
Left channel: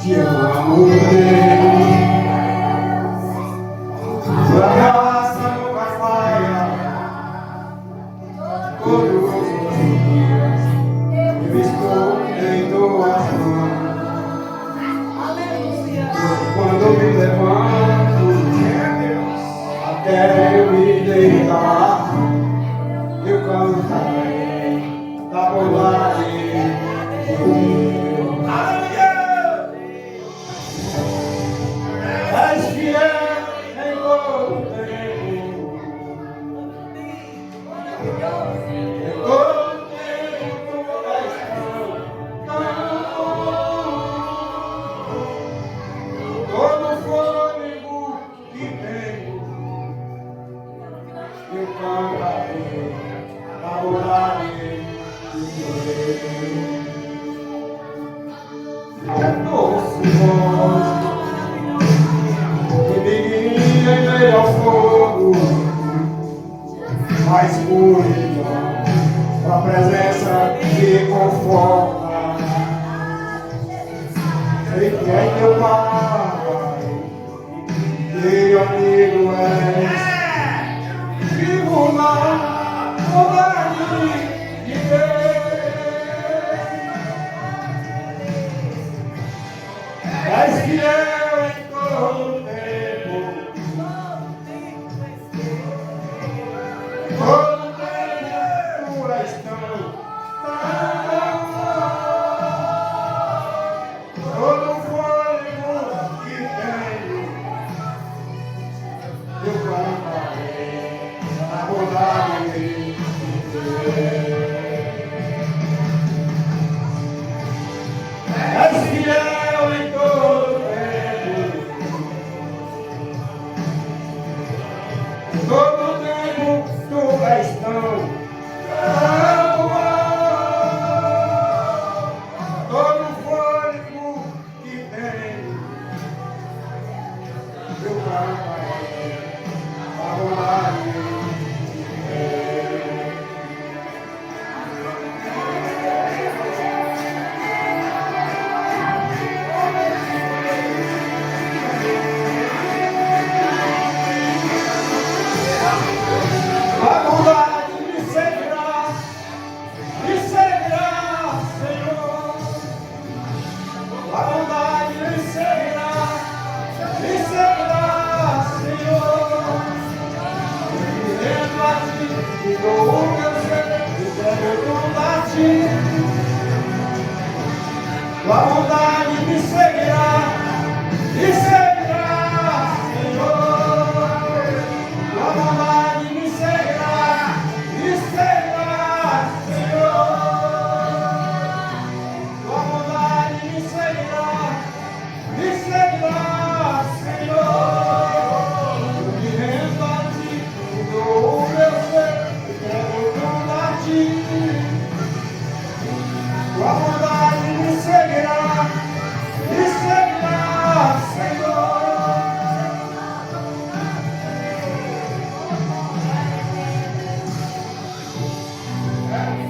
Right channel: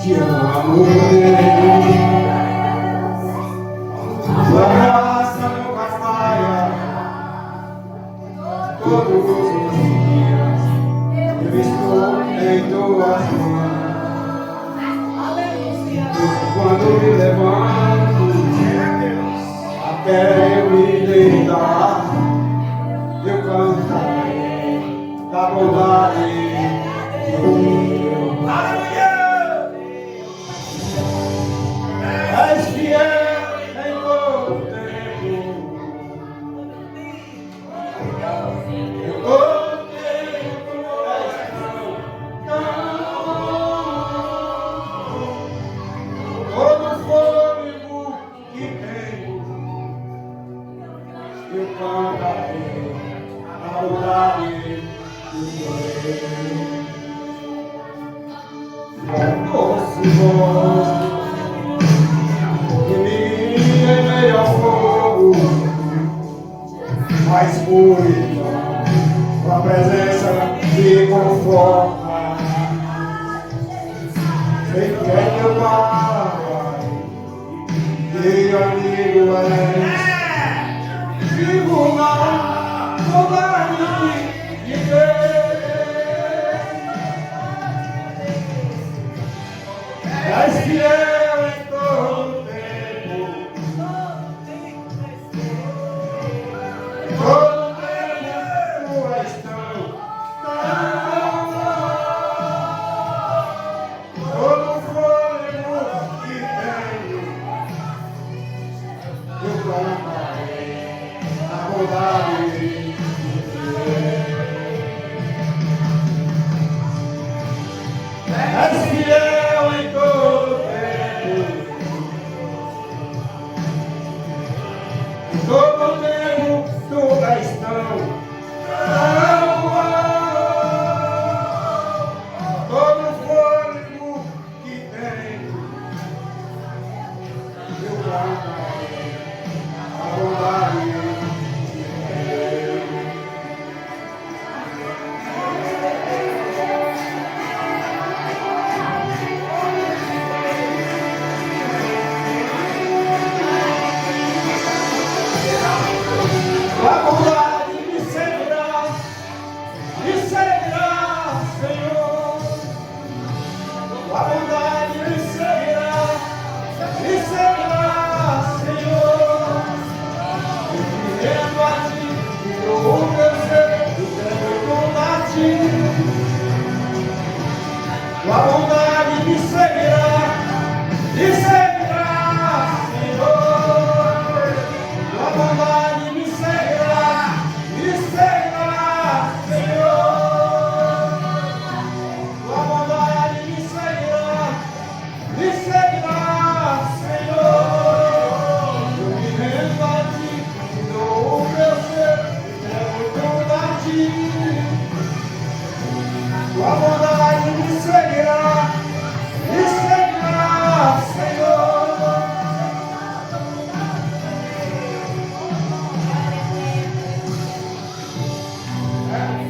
Te amo, amor de Deus. Tua graça nunca falha. Todo gozo dos dias eu estou em tuas mãos. Quando me levanto até eu me deitar, eu cantarei da bondade do Deus. És fiel em todo tempo. Todo tempo és todo fôlego que tenho, eu cantarei a bondade do Deus. Doce voz que me guia em meio ao fogo, mais pura, tua presença me conforta. Sei que é teu Pai, que amigo és. Vivo na bondade de Deus. És fiel em todo tempo. Todo tempo és tão eu cantarei a bondade de Deus. És fiel em todo tempo, em todo tempo tu és tão todo fôlego que tenho, eu cantarei a bondade de Deus. A bondade me seguirá, Senhor. A bondade me seguirá, Senhor. Eu me rendo a ti e dou o meu ser e entrego a ti. A bondade me seguirá, Senhor. A bondade me seguirá, Senhor. A bondade me seguirá, Senhor. Eu me rendo a ti, e dou o meu ser, e entrego tudo a ti. A bondade me seguirá, Senhor.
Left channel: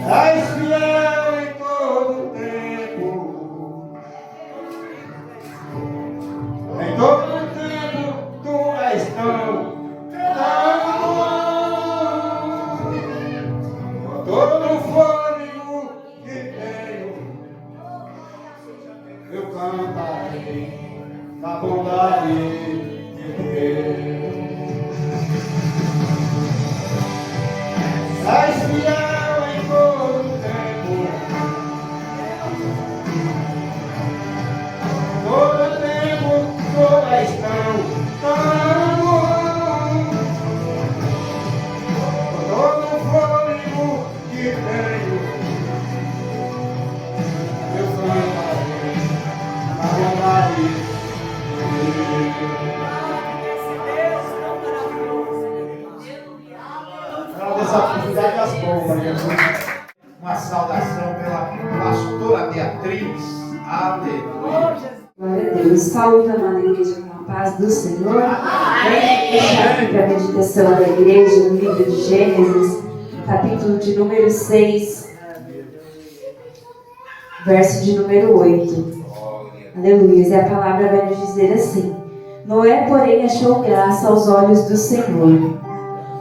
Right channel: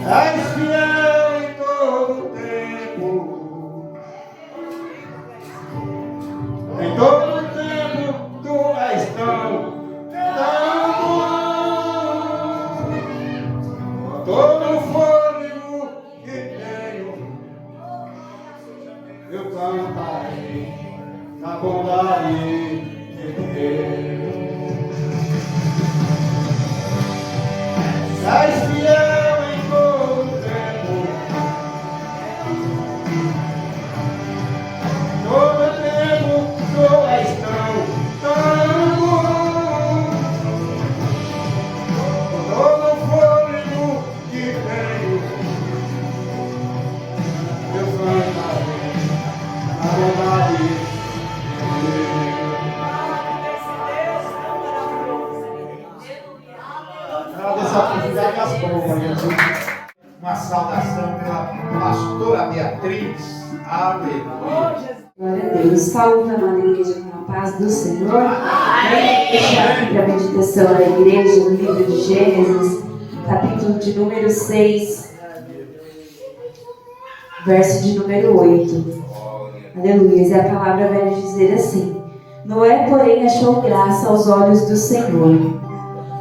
És fiel em todo tempo, em todo tempo tu és tão bom. Todo fôlego que tenho, eu cantarei na bondade de Deus. És fiel em todo tempo, todo tempo tu és tão bom. Todo fôlego que tenho, eu cantarei a bondade de Deus. Agradeço a atividade das bombas. Uma saudação pela pastora Beatriz. Aleluia. Glória a Deus. Saúde, amada igreja, com a paz do Senhor. Amém. Fechar aqui para a meditação da igreja no livro de Gênesis, capítulo de número 6, verso de número 8. Aleluia. E a palavra vai nos dizer assim: Noé, porém, achou graça aos olhos do Senhor.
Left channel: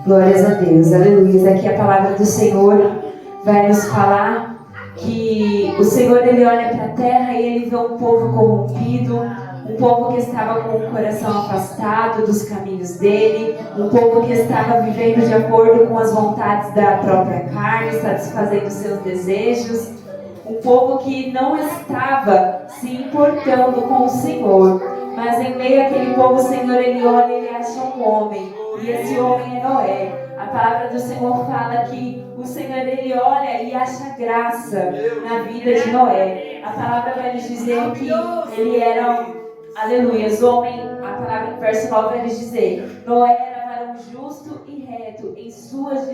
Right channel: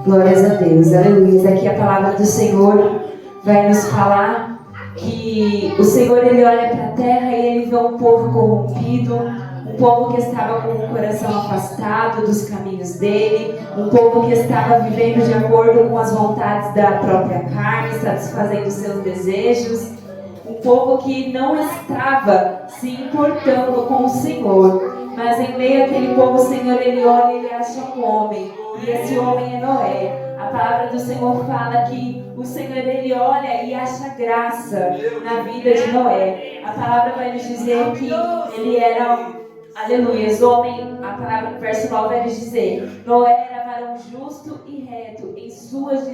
Glórias a Deus. Aleluia. Aqui a palavra do Senhor vai nos falar que o Senhor, ele olha para a terra e ele vê um povo corrompido, um povo que estava com o coração afastado dos caminhos dele, um povo que estava vivendo de acordo com as vontades da própria carne, satisfazendo seus desejos, um povo que não estava se importando com o Senhor. Mas em meio àquele povo, o Senhor, ele olha e ele acha um homem, e esse homem é Noé. A palavra do Senhor fala que o Senhor, ele olha e acha graça na vida de Noé. A palavra vai nos dizer que ele era, aleluia, homem. A palavra, verso 9 vai nos dizer: Noé era varão justo e reto em suas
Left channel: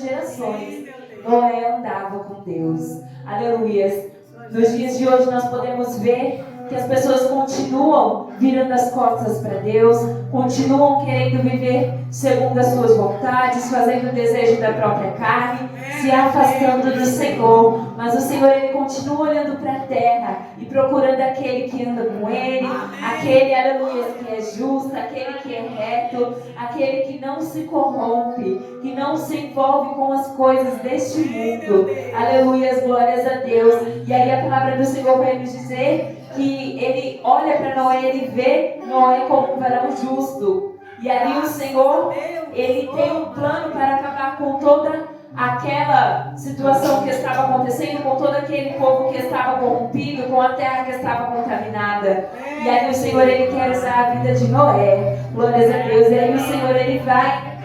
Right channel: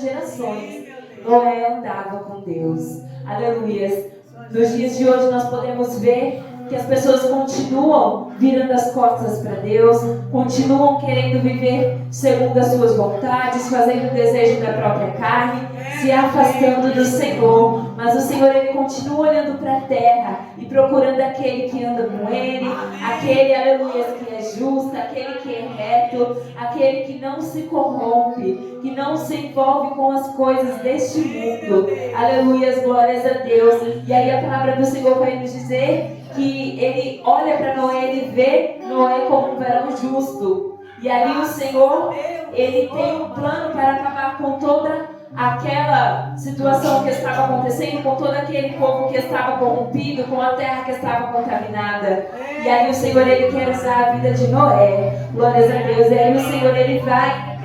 gerações. Noé andava com Deus. Aleluia. Nos dias de hoje nós podemos ver que as pessoas continuam virando as costas para Deus, continuam querendo viver segundo as suas vontades, fazendo o desejo da própria carne, se afastando do Senhor. Mas o Senhor, ele continua olhando para a terra e procurando aquele que anda com ele, aquele, aleluia, que é justo, aquele que é reto, aquele que não se corrompe, que não se envolve com as coisas deste mundo. Aleluia, glórias a Deus. E aí a palavra do Senhor vai nos dizer que ele olha para Noé, ele vê Noé como um varão justo. E ali o Senhor, ele tem um plano para acabar com toda aquela situação que estava acontecendo com todo aquele povo que estava corrompido, com a terra que estava contaminada. E aí o Senhor, Ele quer usar a vida de Noé. Glórias a Deus. E aí o Senhor, Ele vai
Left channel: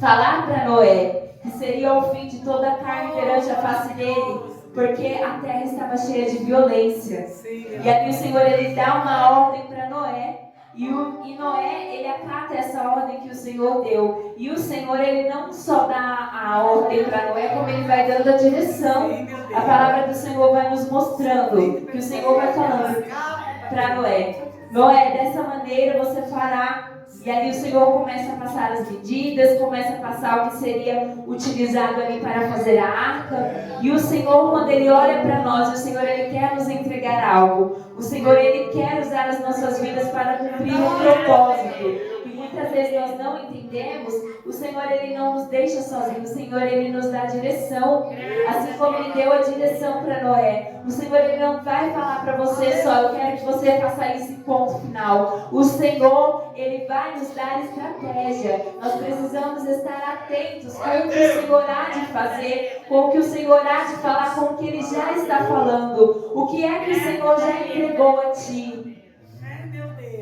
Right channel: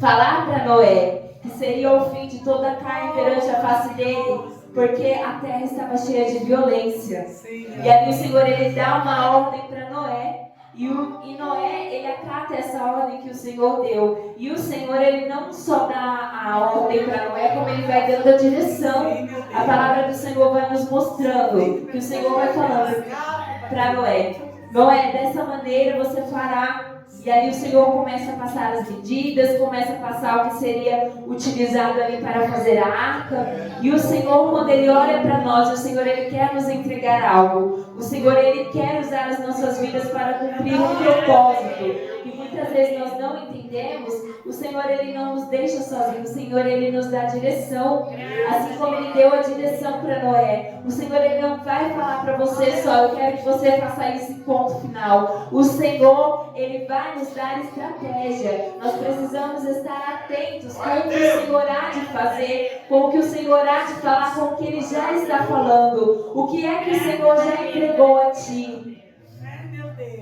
falar para Noé que seria o fim de toda a carne perante a face dele, porque a terra estava cheia de violência. E aí o Senhor, Ele dá uma ordem para Noé. E Noé, ele acata essa ordem que o Senhor deu. E o Senhor, Ele não só dá a ordem para Noé, como Ele vai dando a direção. A palavra do Senhor vai nos mostrando, que o Senhor vai falando para Noé. Noé, dessa maneira você fará. E aí o Senhor começa a passar as medidas, começa a passar o que seria utilizado ali para fazer a arca. E o Senhor, quando Ele olha para nós, o Senhor, Ele quer nos entregar algo. O Senhor, Ele quer usar as nossas vidas para cumprir um propósito. E muitas vezes nós não entendemos. O Senhor, Ele não nos deixa sozinhos. O Senhor, Ele nos dá direção. Assim como Ele deu a direção para Noé. O Senhor, Ele não vai falar para você só: eu quero que você faça esse ponto final. O Senhor, Ele vai nos dar estratégia. Nós precisamos estar atentos com o que o Senhor há de fazer, com o que o Senhor há de falar, com o que Ele já está falando. O que é que o Senhor já entregou a ti?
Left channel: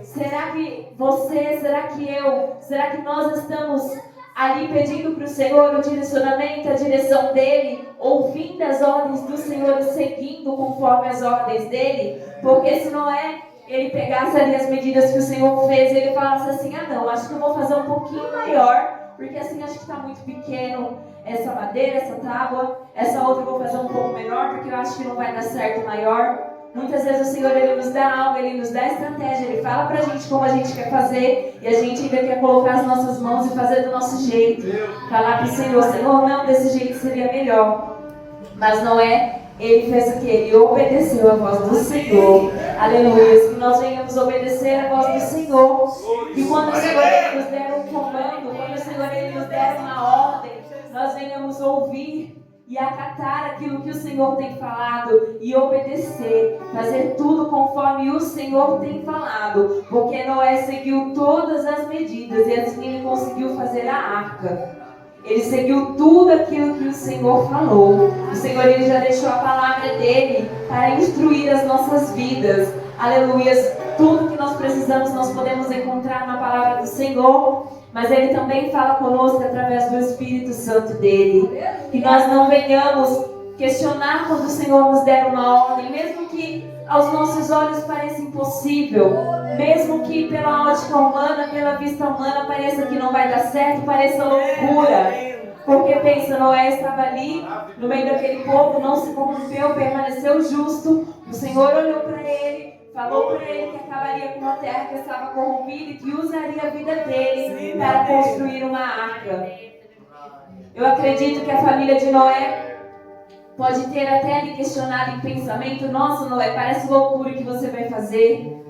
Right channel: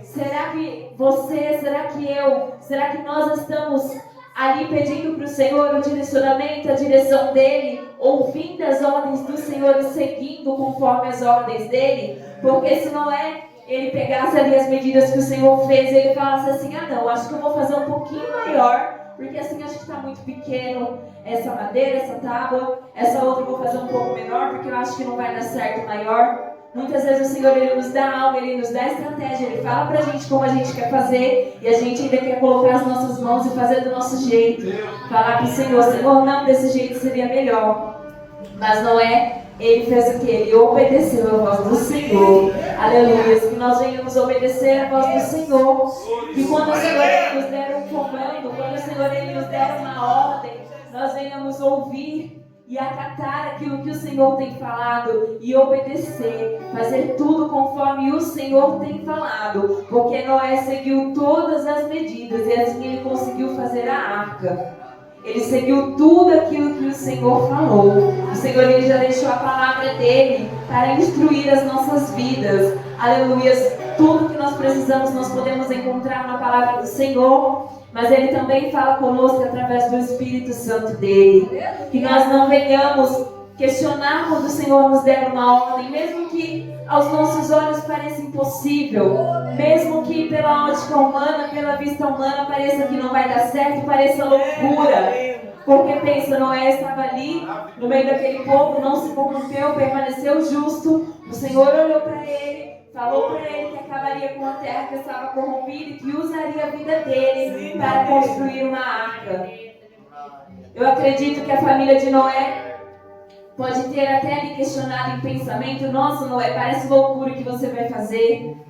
Será que você, será que eu, será que nós estamos ali pedindo para o Senhor o direcionamento, a direção dEle, ouvindo as ordens do Senhor e seguindo conforme as ordens dEle? Porque se não é, Ele pegasse ali as medidas que o Senhor fez e Ele falasse assim: ah não, acho que eu vou fazer um pouquinho maior, porque assim acho que está muito pequeno essa madeira, essa tábua, essa outra eu vou fazer um pouco menor, porque eu acho que não vai dar certo maior. Muitas vezes o Senhor, Ele nos dá algo, Ele nos dá estratégia, Ele fala pra gente como a gente quer fazer, e a gente ainda quer colocar as nossas mãos e fazer do nosso jeito. Falar pro Senhor: Senhor, não, desse jeito seria melhor. Mas não é. Ele fez o que? Ele obedeceu a voz do Senhor. Aleluia. Que nós venhamos obedecer a voz do Senhor. E quando o Senhor, Ele nos der um comando, quando o Senhor, Ele nos der uma ordem, nós venhamos ouvir e acatar aquilo que o Senhor tem falado e obedecer, fazer tudo conforme o Senhor tem falado, porque Noé seguiu todas as medidas e assim ele conseguiu fazer a arca. Ele seguiu tudo aquilo que o Senhor falou. O Senhor, Ele já deixou a palavra dEle para instruir as nossas vidas. Aleluia. Tudo que nós precisamos nós podemos encontrar na palavra do Senhor. Mas Ele também fala conosco através do Espírito Santo dEle. Que nós não venhamos questionar quando o Senhor nos der uma ordem, mesmo que aos nossos olhos pareça impossível, mesmo que pela ótica humana, pela vista humana pareça que não vai dar certo, pareça loucura. Porque pensa, Noé estava ali no meio daquele povo, não se corrompeu, permaneceu justo. O Senhor olhou para ele, falou para ele que acabaria com a terra que estava corrompida e que usaria a vida dele para construir uma arca. Eu acredito que a família de Noé pode ter até lhe questionado em pensamento: nossa, Noé, parece loucura o que você vai fazer.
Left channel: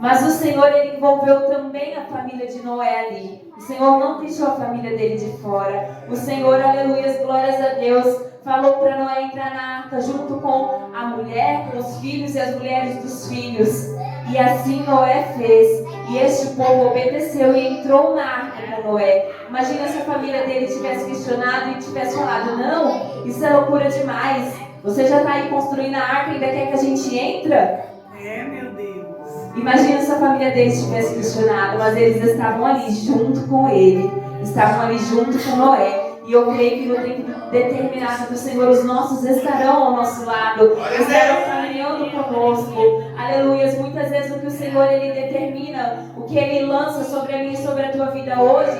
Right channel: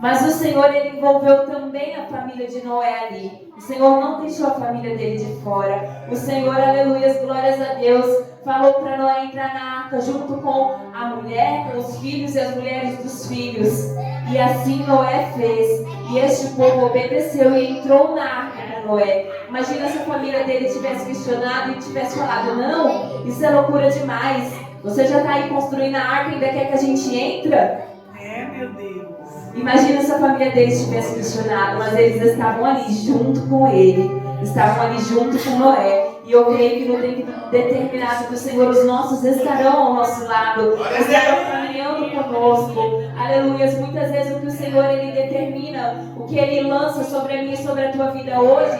Mas o Senhor, Ele envolveu também a família de Noé ali. O Senhor não deixou a família dele de fora. O Senhor, aleluia, glórias a Deus, falou para Noé entrar na arca junto com a mulher, com os filhos e as mulheres dos filhos. E assim Noé fez. E este povo obedeceu e entrou na arca com Noé. Imagina se a família dele tivesse questionado e tivesse falado: não, isso é loucura demais. Você já está aí construindo a arca e ainda quer que a gente entre? Meu Deus. Imagina se a família deles tivesse questionado, mas eles estavam ali junto com ele, estavam ali junto com Noé. E eu creio que no tempo determinado do Senhor, os nossos estarão ao nosso lado, estarão caminhando conosco. Aleluia. Muitas vezes o que o Senhor, Ele determina, o que Ele lança sobre a minha e sobre a tua vida hoje,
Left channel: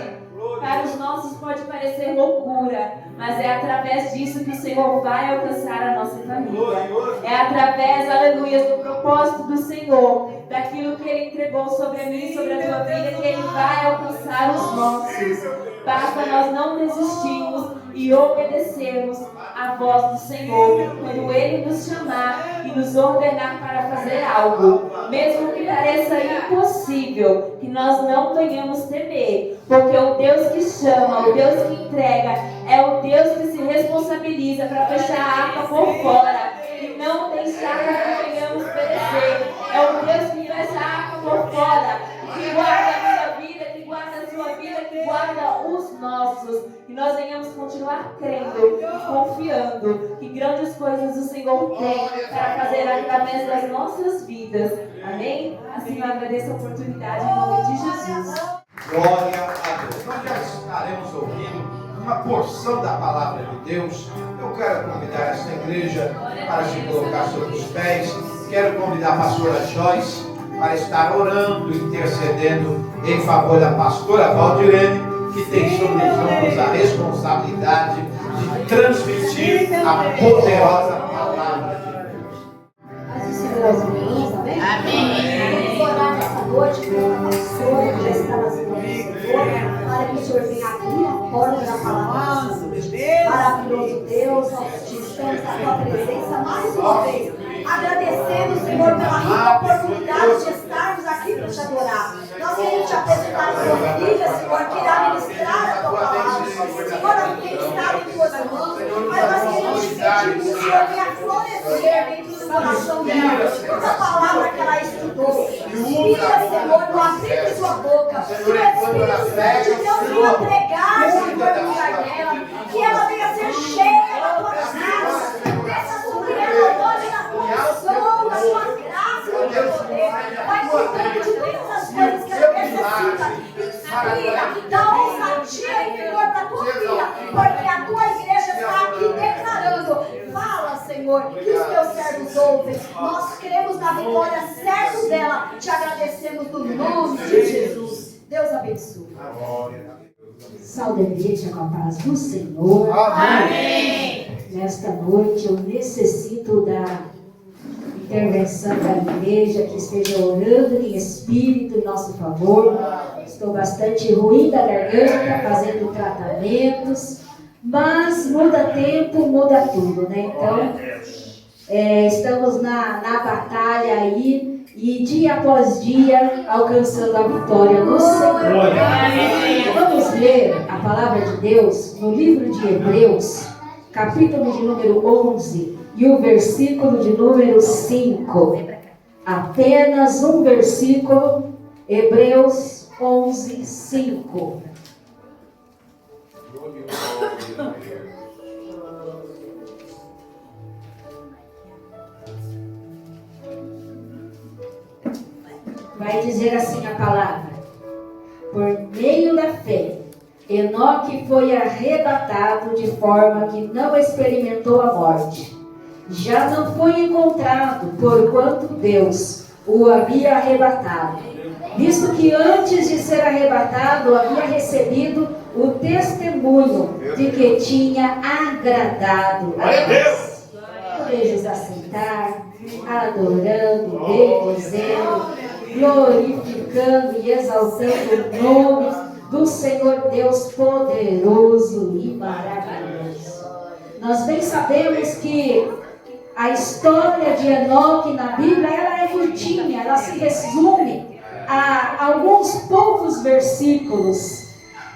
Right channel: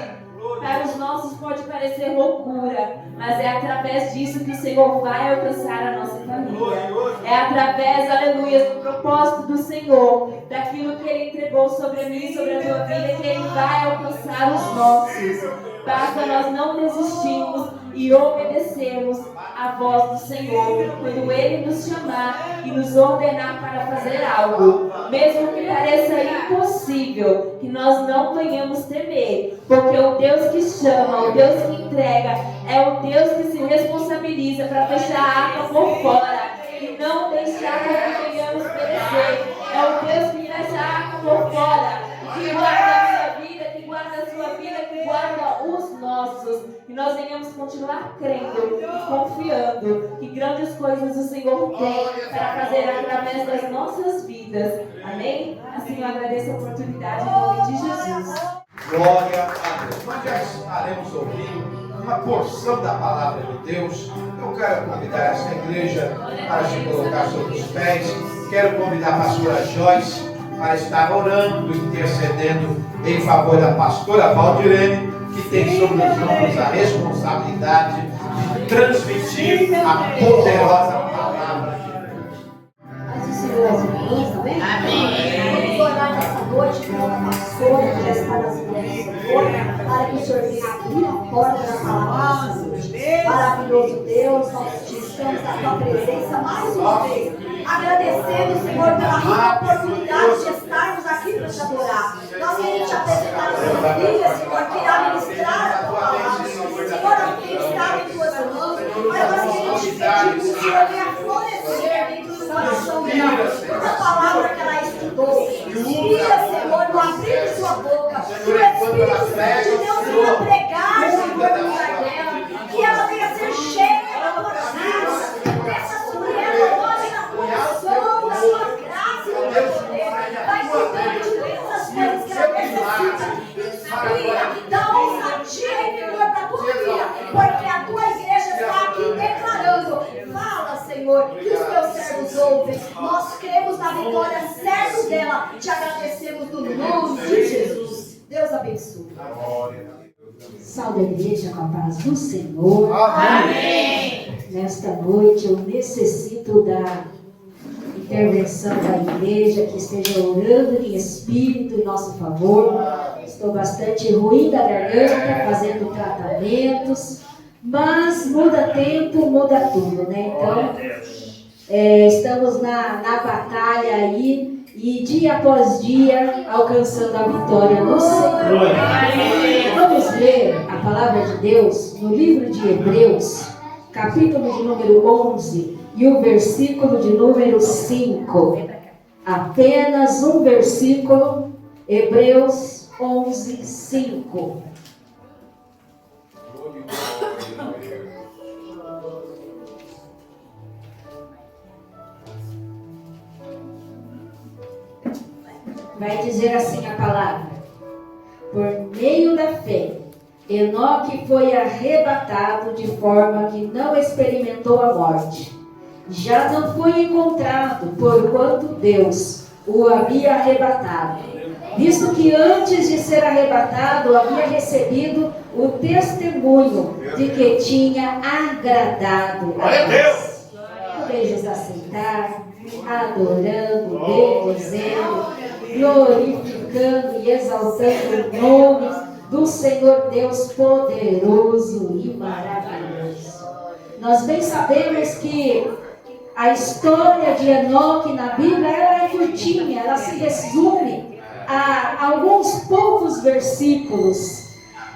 para os nossos pode parecer loucura, mas é através disso que o Senhor vai alcançar a nossa família. É através, aleluia, do propósito do Senhor, daquilo que Ele entregou sobre a minha e sobre a tua vida, que Ele vai alcançar os nossos. Basta nós não desistirmos e obedecermos a voz do Senhor quando Ele nos chamar e nos ordenar para fazer algo, mesmo que pareça impossível, que nós não venhamos temer, porque o Deus que chama, o Deus que entrega, é o Deus que se responsabiliza para fechar a arca por fora e não deixar que venhamos perecer. É o Deus que fecha a arca por fora e que guarda a minha vida, que guarda a sua vida guarda os nossos, que nós venhamos continuar crendo e confiando que grandes coisas o Senhor tem para fazer através das nossas vidas. Amém? Assim eu agradeço a oportunidade em nome de Jesus. Glória a Deus. Nós já estaremos ouvindo uma porção da palavra de Deus. Eu quero convidar essa igreja para se colocar sobre os pés. Quero convidar a pastora Joyce para estar orando, intercedendo em favor da pastora Valdirene, que tem sobre os ombros a responsabilidade de transmitir a poderosa palavra de Deus. Mas o Senhor é amém? Amém. Vamos orar nessa noite pela pastora que já está nas mãos do Senhor, para que o Senhor venha abrir a porta da palavra. Maravilhoso Deus, nós te estamos na tua presença mais uma vez. Agradecendo, Senhor, pela rica oportunidade de estarmos aqui para te adorar. Nós queremos te apresentar as tuas filhas, Senhor, que irá ministrar a tua palavra. Senhor, autenticada em tuas mãos. Mas nós queremos te pedir que o Senhor venha florescer dentro do coração dela toda a palavra que ela estudou. Tira, Senhor, no abrir de sua boca. Que o Espírito Santo de Deus venha pregar, Senhor, no lugar dela. Que ela venha ser cheia da tua graça. Desça sobre ela hoje na condição da sua graça, meu Deus. Vai cuidando de Deus das coisas que ela necessita. Inspira, dá ousadia interior para a tua vida, porque a tua igreja está aqui declarando. Fala, Senhor, que os teus servos ouvem. Nós cremos na vitória certa dela. Te agradecemos no nome de Jesus. Deus abençoe. Salve a igreja com a paz do Senhor. Amém. Nesta noite eu necessito da intervenção da igreja, que esteja orando em espírito em nosso favor. Estou bastante ruim da garganta, fazendo tratamentos, mas muda tempo, muda tudo, né? Então, estamos na batalha aí, e dia após dia alcançando a vitória no Senhor. Vamos ler a palavra de Deus no livro de Hebreus, capítulo de número 11 e o versículo de número 5. Apenas um versículo, Hebreus 11, 5. Vai dizer assim a palavra: por meio da fé, Enoque foi arrebatado de forma que não experimentou a morte. Já não foi encontrado, porquanto Deus o havia arrebatado, visto que antes de ser arrebatado havia recebido o testemunho de que tinha agradado a Deus. Podemos assentar, adorando, bendizendo, glorificando e exaltando o nome do Senhor Deus poderoso e maravilhoso. Nós bem sabemos que a história de Enoque na Bíblia, ela é curtinha, ela se resume a alguns poucos versículos.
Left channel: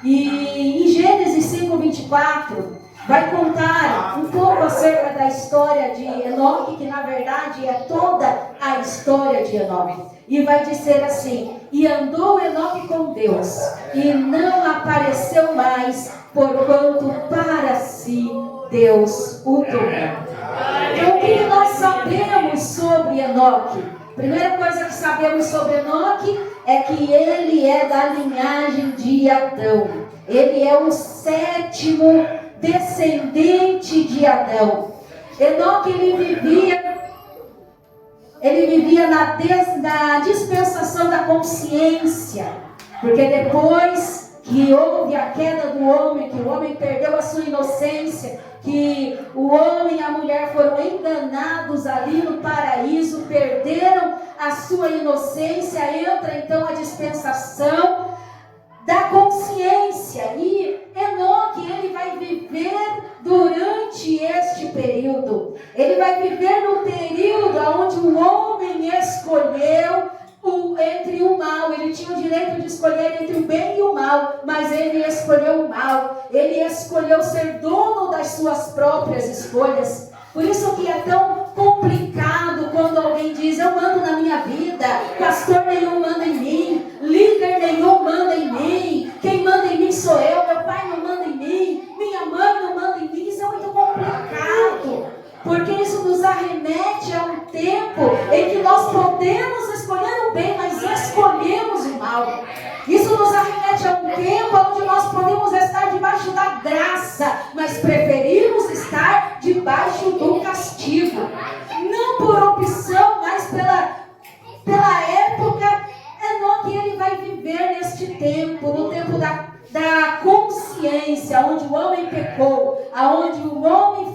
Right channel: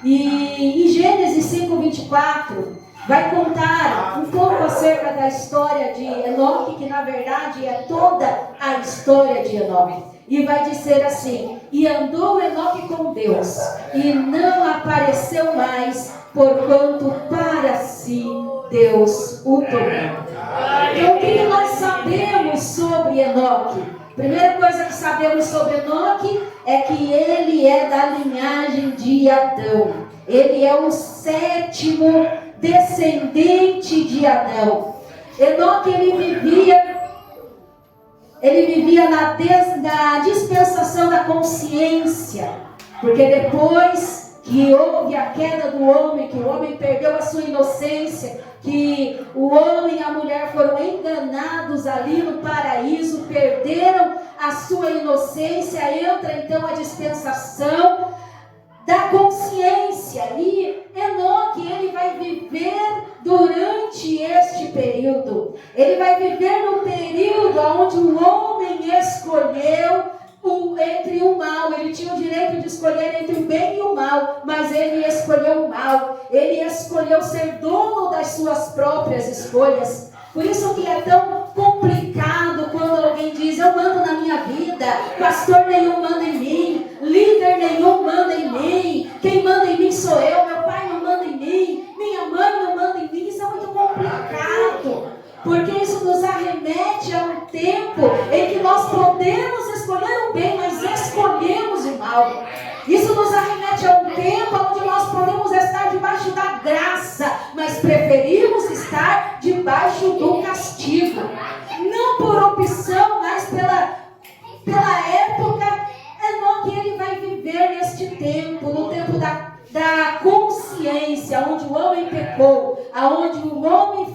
E em Gênesis 5:24 vai contar um pouco acerca da história de Enoque, que na verdade é toda a história de Enoque. E vai dizer assim: e andou Enoque com Deus, e não apareceu mais, porquanto para si Deus o tomou. Então, o que nós sabemos sobre Enoque? Primeira coisa que sabemos sobre Enoque é que ele é da linhagem de Adão. Ele é o 7º descendente de Adão. Enoque, ele vivia na dispensação da consciência, porque depois que houve a queda do homem, que o homem perdeu a sua inocência, que o homem e a mulher foram enganados ali no paraíso, perderam a sua inocência, entra então a dispensação da consciência. E Enoque, ele vai viver durante este período. Ele vai viver no período onde o homem escolheu entre o mal. Ele tinha o direito de escolher entre o bem e o mal, mas ele escolheu o mal. Ele escolheu ser dono das suas próprias escolhas. Por isso que é tão complicado quando alguém diz: eu mando na minha vida, pastor nenhum manda em mim, líder líder nenhum manda em mim, quem manda em mim sou eu, meu pai não manda em mim, minha mãe não manda em mim. Isso é muito complicado, porque isso nos arremete a um tempo em que nós podemos escolher o bem, mas escolhemos o mal. Isso nos arremete a um tempo onde nós podemos estar debaixo da graça, mas preferimos estar debaixo do castigo. Não por opção, mas pela época que ele vai viver neste tempo, no tempo da consciência, onde o homem pecou, aonde o homem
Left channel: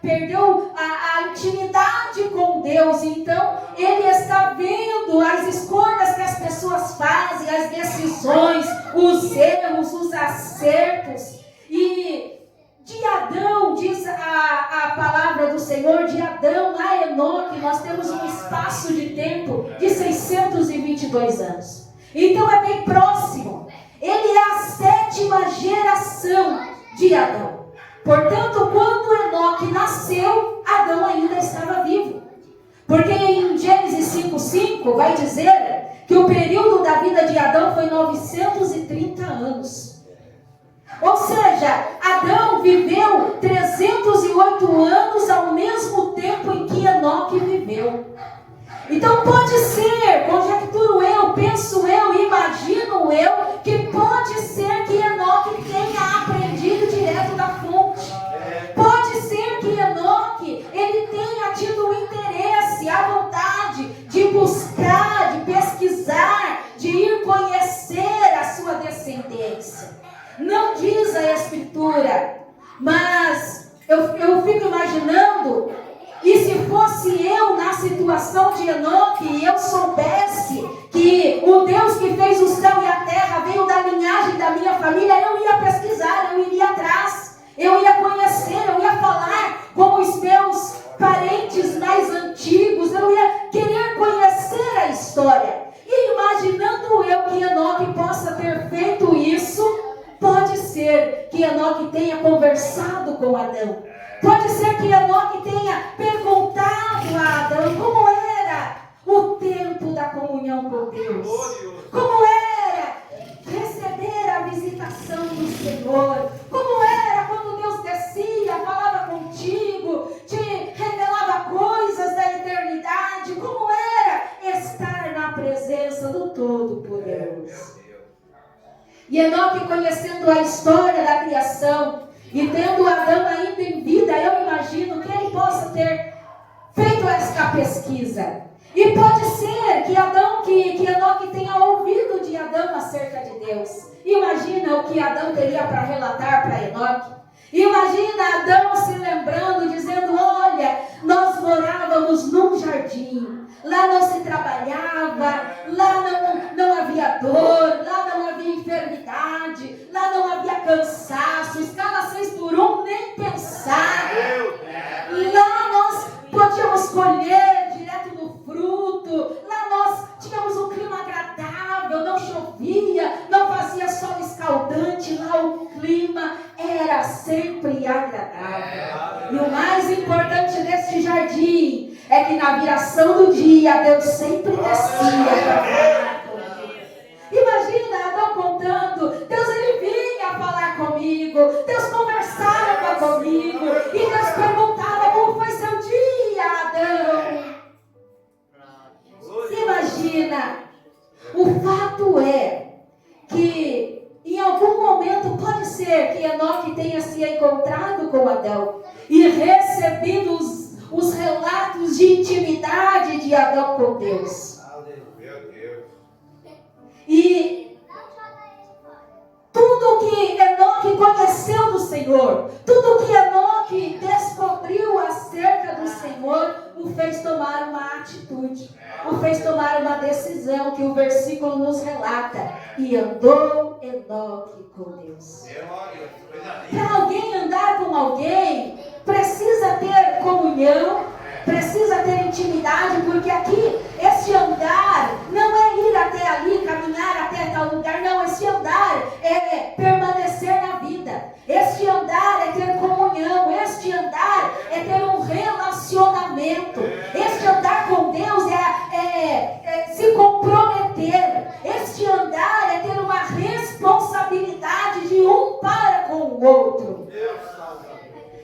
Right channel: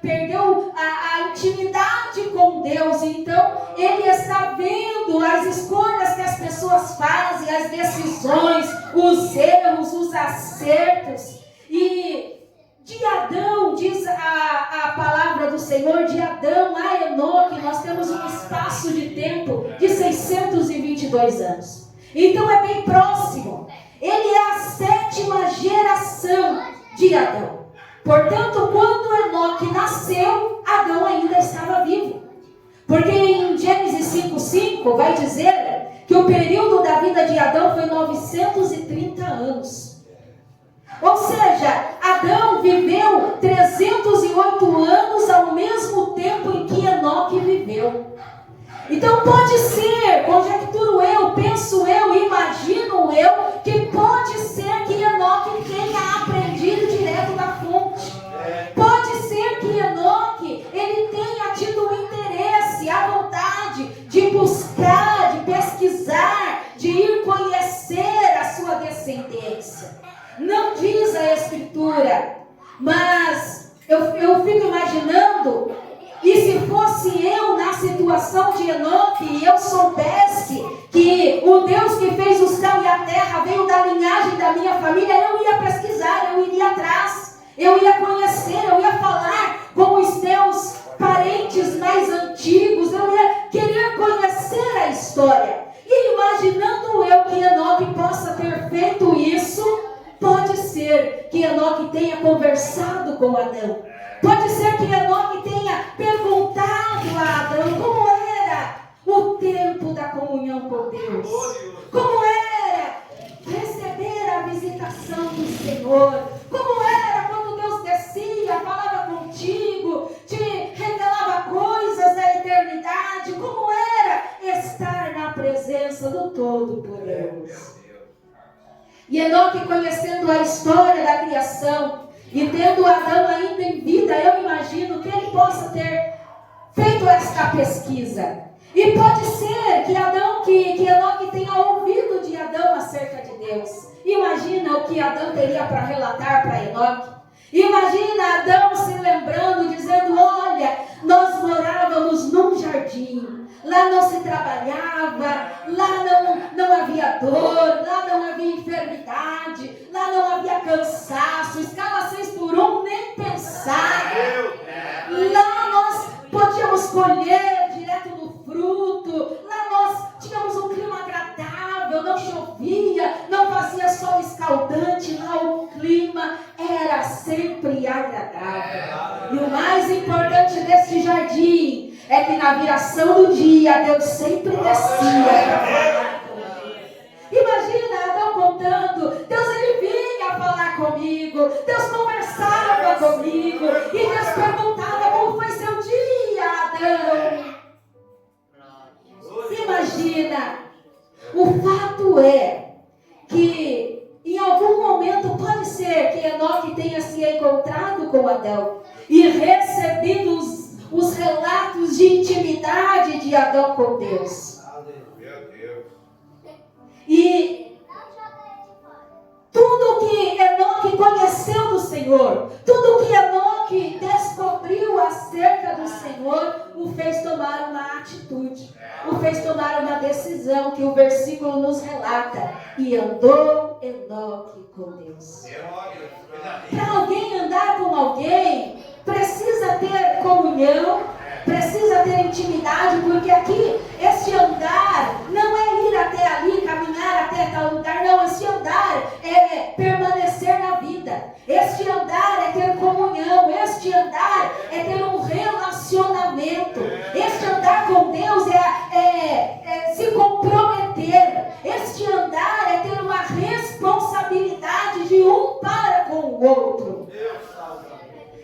perdeu a intimidade com Deus. Então ele está vendo as escolhas que as pessoas fazem, as decisões, os erros, os acertos. E de Adão, diz a palavra do Senhor, de Adão a Enoque, nós temos um espaço de tempo de 622 anos. Então é bem próximo. Ele é a 7ª geração de Adão. Portanto, quando Enoque nasceu, Adão ainda estava vivo. Porque em Gênesis 5:5 vai dizer que o período da vida de Adão foi 930 anos. Ou seja, Adão viveu 308 anos ao mesmo tempo em que Enoque viveu. Então pode ser, conjecturo eu, penso eu, imagino eu, que pode ser que Enoque tenha aprendido direto da fonte. Pode ser que Enoque, ele tenha tido o interesse, a vontade de buscar, de pesquisar, de ir conhecer a sua descendência. Não diz a Escritura, mas eu fico imaginando, e se fosse eu na situação de Enoque, e eu soubesse que o Deus que fez o céu e a terra veio da linhagem da minha família, eu ia pesquisar, eu iria atrás, eu ia conhecer, eu ia falar com os meus parentes mais antigos, eu ia querer conhecer a história. E imaginando eu que Enoque possa ter feito isso, pode ser que Enoque tenha conversado com Adão. Pode ser que Enoque tenha perguntado a Adão como era o tempo da comunhão com Deus. Como era receber a visitação do Senhor. Como era quando Deus descia, falava contigo, te revelava coisas da eternidade. Como era estar na presença do Todo-Poderoso. E Enoque, conhecendo a história da criação e tendo Adão ainda em vida, eu imagino que ele possa ter feito esta pesquisa. E pode ser que Enoque tenha ouvido de Adão acerca de Deus. Imagina o que Adão teria para relatar para Enoque. Imagina Adão se lembrando, dizendo: olha, nós morávamos num jardim. Lá não se trabalhava, lá não havia dor, lá não havia enfermidade, lá não havia cansaço, escala 6x1, nem pensar. Lá nós podíamos colher direto no fruto, lá nós tínhamos um clima agradável, não chovia, não fazia sol escaldante, lá o clima era sempre agradável. E o mais importante deste jardim é que na viração do dia, Deus sempre descia para falar comigo. Imagina Adão contando, Deus ele vinha falar comigo, Deus conversava comigo, e Deus perguntava: como foi seu dia, Adão? Imagina. O fato é que em algum momento pode ser que Enoque tenha se encontrado com Adão e recebido os relatos de intimidade de Adão com Deus. E tudo que Enoque conheceu do Senhor, tudo que Enoque descobriu acerca do Senhor, o fez tomar uma atitude, o fez tomar uma decisão que o versículo nos relata: e andou Enoque com Deus. Para alguém andar com alguém, precisa ter comunhão, precisa ter intimidade, porque aqui, este andar não é ir até ali, caminhar até tal lugar, não. Este andar é permanecer na vida. Este andar é ter comunhão. Este andar é ter um relacionamento. Este andar com Deus é se comprometer. Este andar o outro.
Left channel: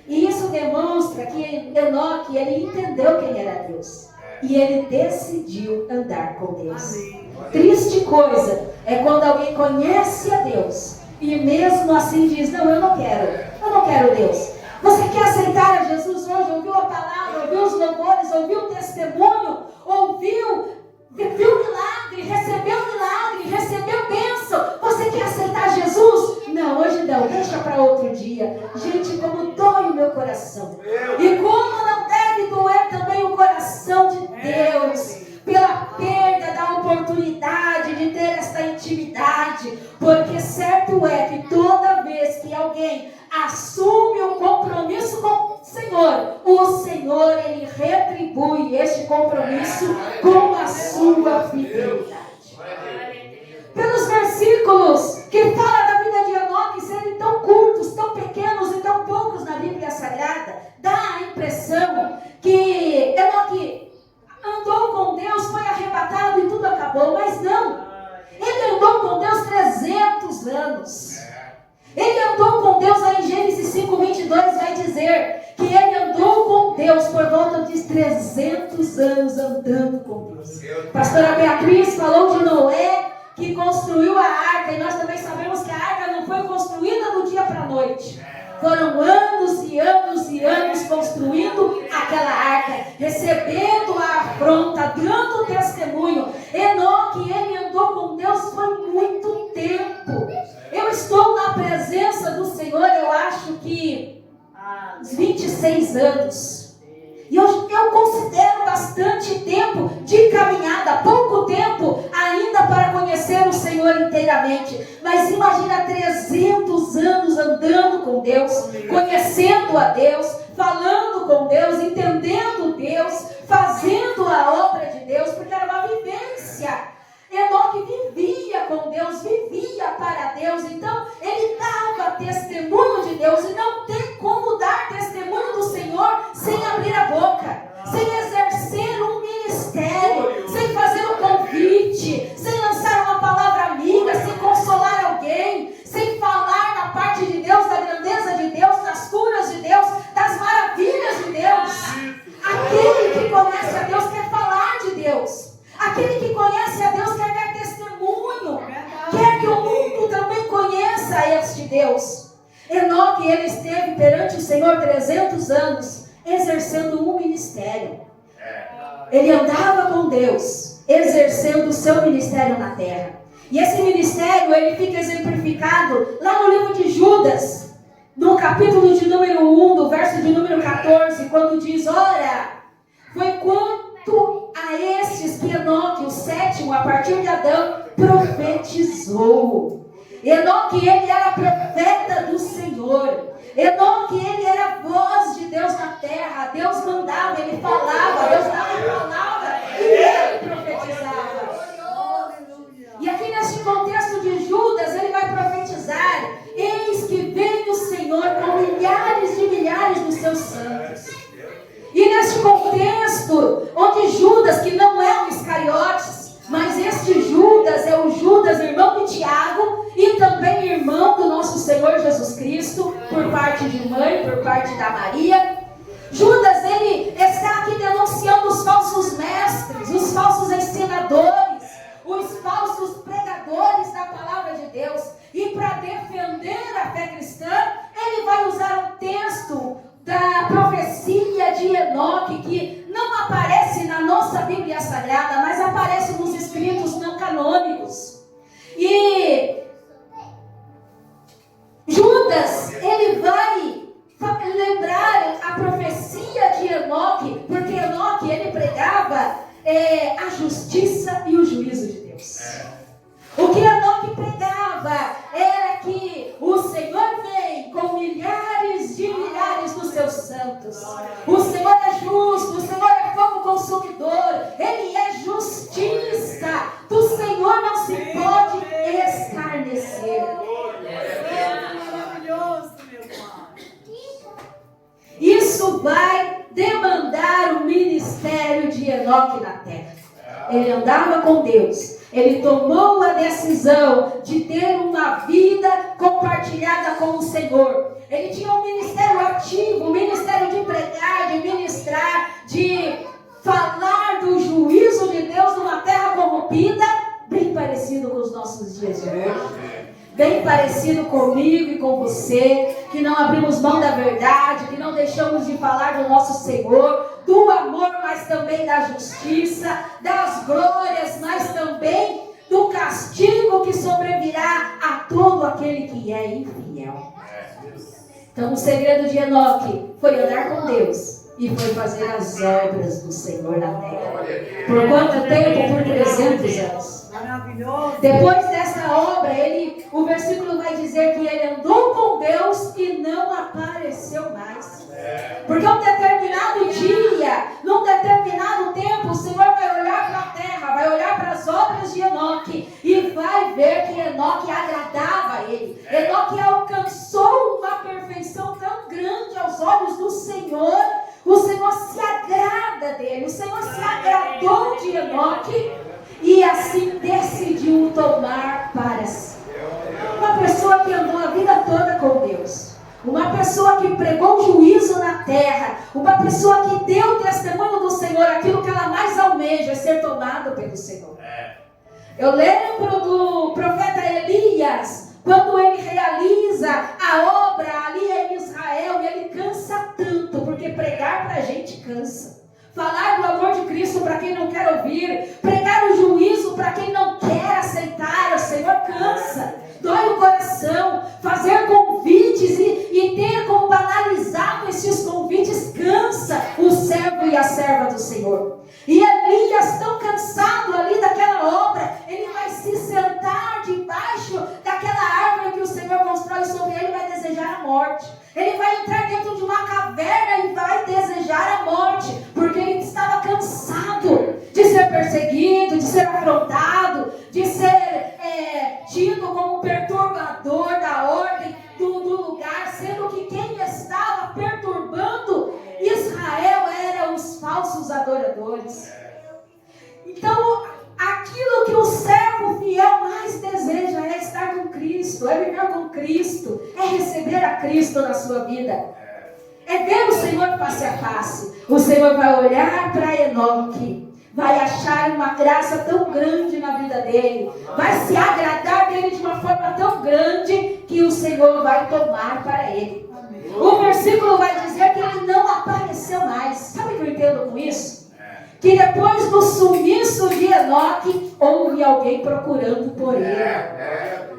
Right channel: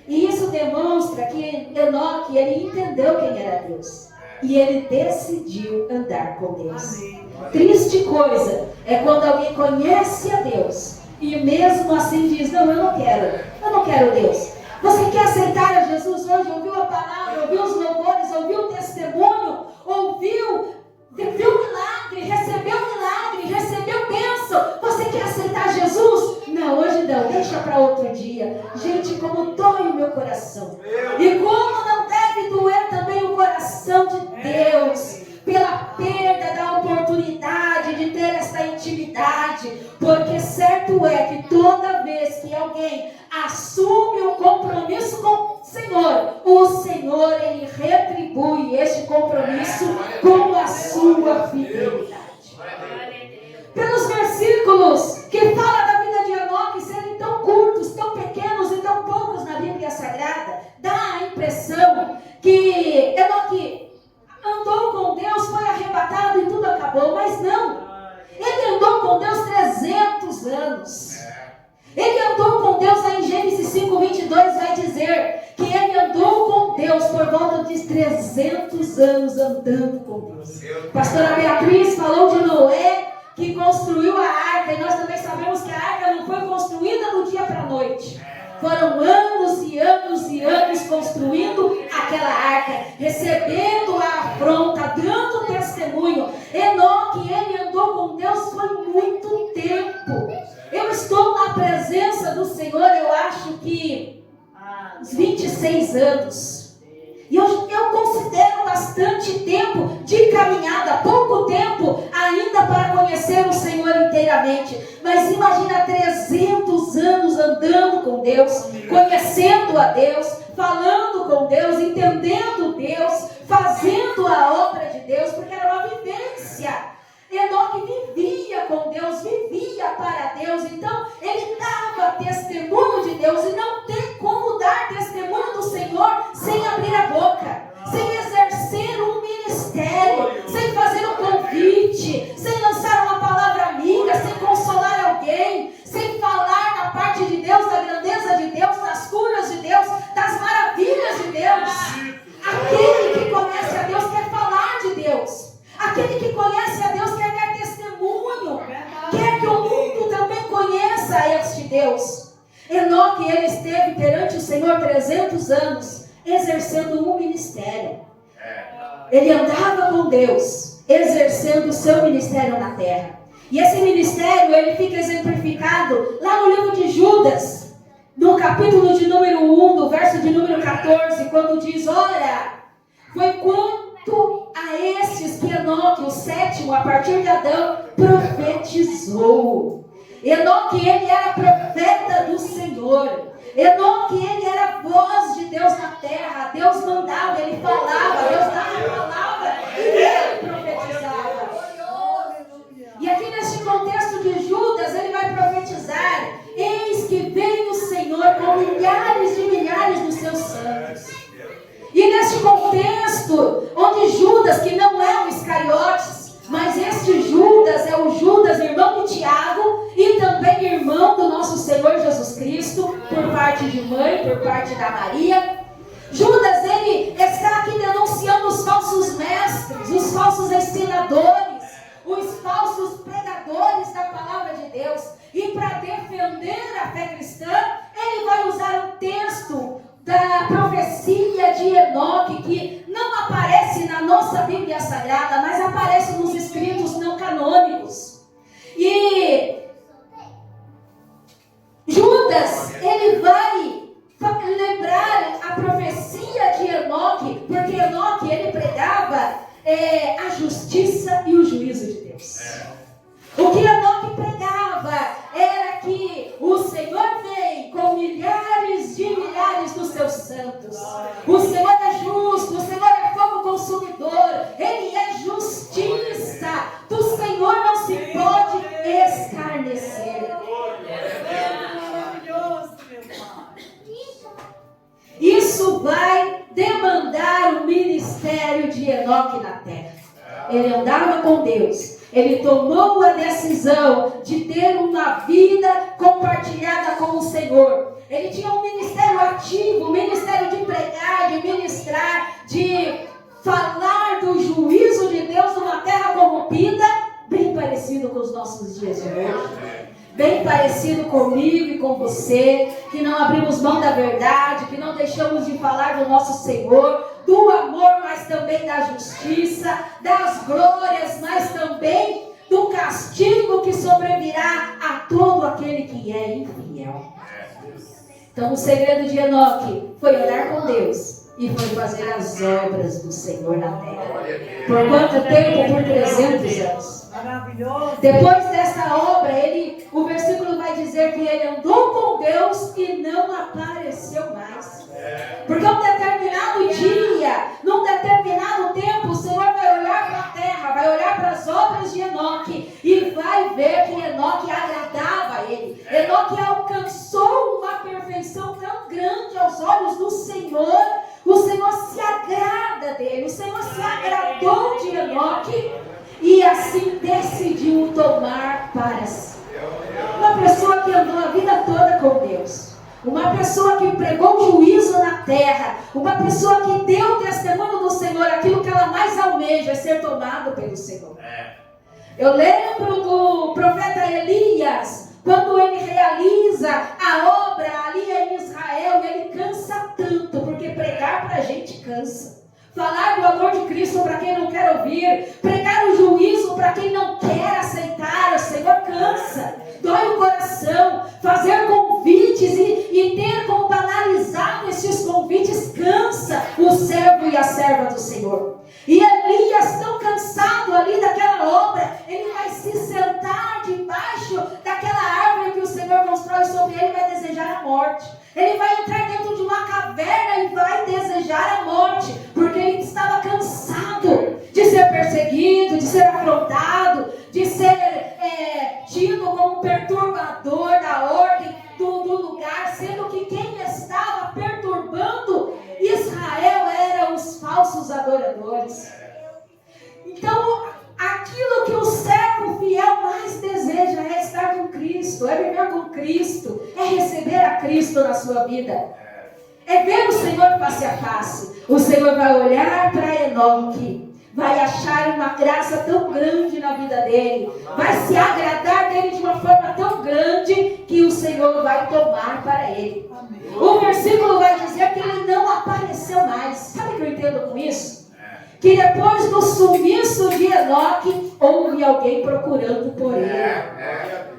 E isso demonstra que Enoque, ele entendeu quem era Deus. E ele decidiu andar com Deus. Triste coisa é quando alguém conhece a Deus e mesmo assim diz, não, eu não quero Deus. Você quer aceitar a Jesus hoje? Ouviu a palavra, ouviu os louvores, ouviu o testemunho, viu milagre, recebeu bênção. Você quer aceitar Jesus? Não, hoje não, deixa para outro dia. Gente, como dói o meu coração. E como não deve doer também o coração de Deus pela perda da oportunidade de ter essa intimidade. Porque certo é que toda vez que alguém assume um compromisso com o Senhor, Ele retribui este compromisso com a sua fidelidade. Pelos versículos que falam da vida de Enoque serem tão curtos, tão pequenos e tão poucos na Bíblia Sagrada, dá a impressão que Enoque andou com Deus, foi arrebatado e tudo acabou, mas não. Ele andou com Deus 300 anos. Ele andou com Deus, aí em Gênesis 5:22 vai dizer que ele andou com Deus por volta de 300 anos andando com Deus. Pastora Beatriz falou de Noé, que construiu a arca, e nós também sabemos que a arca não foi construída do dia para a noite. Foram anos e anos e anos construindo aquela arca, recebendo a afronta, dando testemunho. Enoque, ele andou com Deus por muito tempo. Eu estou na presença do Senhor, eu acho que uns 26 anos. E eu considero bastante tempo de caminhada, pouco tempo ainda para conhecer o Senhor inteiramente. Mas imagina 300 anos andando com Deus, conhecendo a Deus, falando com Deus, entendendo Deus, fazendo a obra de Deus, porque era uma vivência. Enoque vivia com Deus, vivia para Deus, então ele dava testemunho de Deus, e não tem como dar testemunho do Senhor sem abrir a boca, sem exercer um ministério, sem fazer um convite, sem lançar uma palavra amiga, sem consolar alguém, sem falar na parte de Deus, da grandeza de Deus, das curas de Deus, das maravilhas de Deus. Aquele que conhece a Deus quer falar de Deus. Aquele que conhece a Deus quer dar testemunho, quer que o mundo também conheça este Deus. Enoque, ele esteve perante o Senhor 300 anos, exercendo um ministério. Ele andava com Deus, exercendo o seu ministério na terra. E esse ministério, ele fica exemplificado lá no livro de Judas, no capítulo de número 1, do verso de número 14, quando diz, ora, foi quanto a estes que Enoque, o sétimo, a partir de Adão, profetizou. Enoque, ele era profeta do Senhor. Enoque, ele era a voz de Deus na terra. Deus mandava, ele falava, Deus dava a palavra e ele profetizava. E aqui neste contexto de Judas, ele vai profetizar: eis que vem o Senhor com milhares de milhares dos seus santos. E neste contexto, onde Judas, que não é o Iscariotes, mas este Judas é o Judas, irmão de Tiago, e também irmão do nosso Senhor Jesus Cristo, por parte de mãe, por parte da Maria. Judas, ele está aqui denunciando os falsos mestres, os falsos ensinadores, os falsos pregadores da palavra de Deus. E para defender a fé cristã, ele vai usar um texto da profecia de Enoque, que não aparece na nossa Bíblia Sagrada, mas aparece nos escritos não canônicos. E Judas, ele vai lembrar a profecia de Enoque, porque Enoque, ele pregava a justiça e o juízo de Deus. O que Enoque pregava era que o Senhor vem com milhares de milhares dos seus santos. O Senhor é justo, o Senhor é fogo consumidor, Ele é justiça. Do Senhor não se pode escarnecer. Isso vai demandar o ministério de Enoque na terra. Ele andava com Deus, Ele tomou a decisão de ter uma vida compartilhada com o Senhor. Ele tinha um ministério ativo, um ministério de pregar, de ministrar, de falar do juízo de Deus numa terra corrompida, bem parecido com os nossos dias de hoje. Bem parecido comigo e com você, que não abrimos mão da verdade, que não deixamos de falar do nosso Senhor, do amor, mas também da justiça, das glórias, mas também do castigo que sobrevirá a todo aquele que é infiel. Então o segredo de Enoque foi andar com Deus e foi fazer as obras do Senhor na terra. Por quanto tempo? Por 300 anos. Depois dessa obra, o versículo vai dizer que ele andou com Deus e não apareceu mais. Porque um determinado dia, num determinado tempo, o Senhor vai olhar para a terra, vai olhar para as obras de Enoque e vai ver que Enoque agradava a ele. Enoque alcançou uma perfeição tão grande aos olhos do Senhor. O Senhor se agrada dele, o Senhor se agradou de Enoque e assim decidiu tomar para si. Uma pessoa que andou a vida toda com Deus, uma pessoa que pregou juízo na terra, uma pessoa que deu testemunho do Senhor, aquilo que ela mais almeja é ser tomada pelo Senhor. Eu lembro do profeta Elias, quando ele realiza a obra ali em Israel, e ele cansa tanto, porque pregar para a gente cansa. Falar do amor de Cristo para quem não quer ouvir, pregar o juízo para quem não quer aceitar, o Senhor cansa, dói o coração, fazer convites e ter como banalizado esses convites cansa o servo e a serva do Senhor. E Elias, tão cansado ali daquela obra, ele vai se sentar debaixo daquela árvore que o Senhor constrói sobre ele e vai desejar a morte. Ele vai entrar dentro de uma caverna e vai desejar a morte, porque ele estava cansado de ser perseguido, de ser afrontado, de ser tido como perturbador da ordem do lugar, sendo que quem estava perturbando Israel eram os falsos adoradores. Então, aquilo que o servo fiel mais deseja é estar com Cristo, é viver com Cristo, é receber a Cristo na sua vida, é ver o Senhor face a face. O Senhor vai olhar para Enoque, vai achar uma graça tão grande na vida dele, vai se agradar dele de uma forma tão grande que o Senhor vai tomar para ele. O versículo vai dizer que ele não apareceu mais. Sabe o que eu entendo com isso? Que depois do sumiço de Enoque, houve alguém procurando por ele.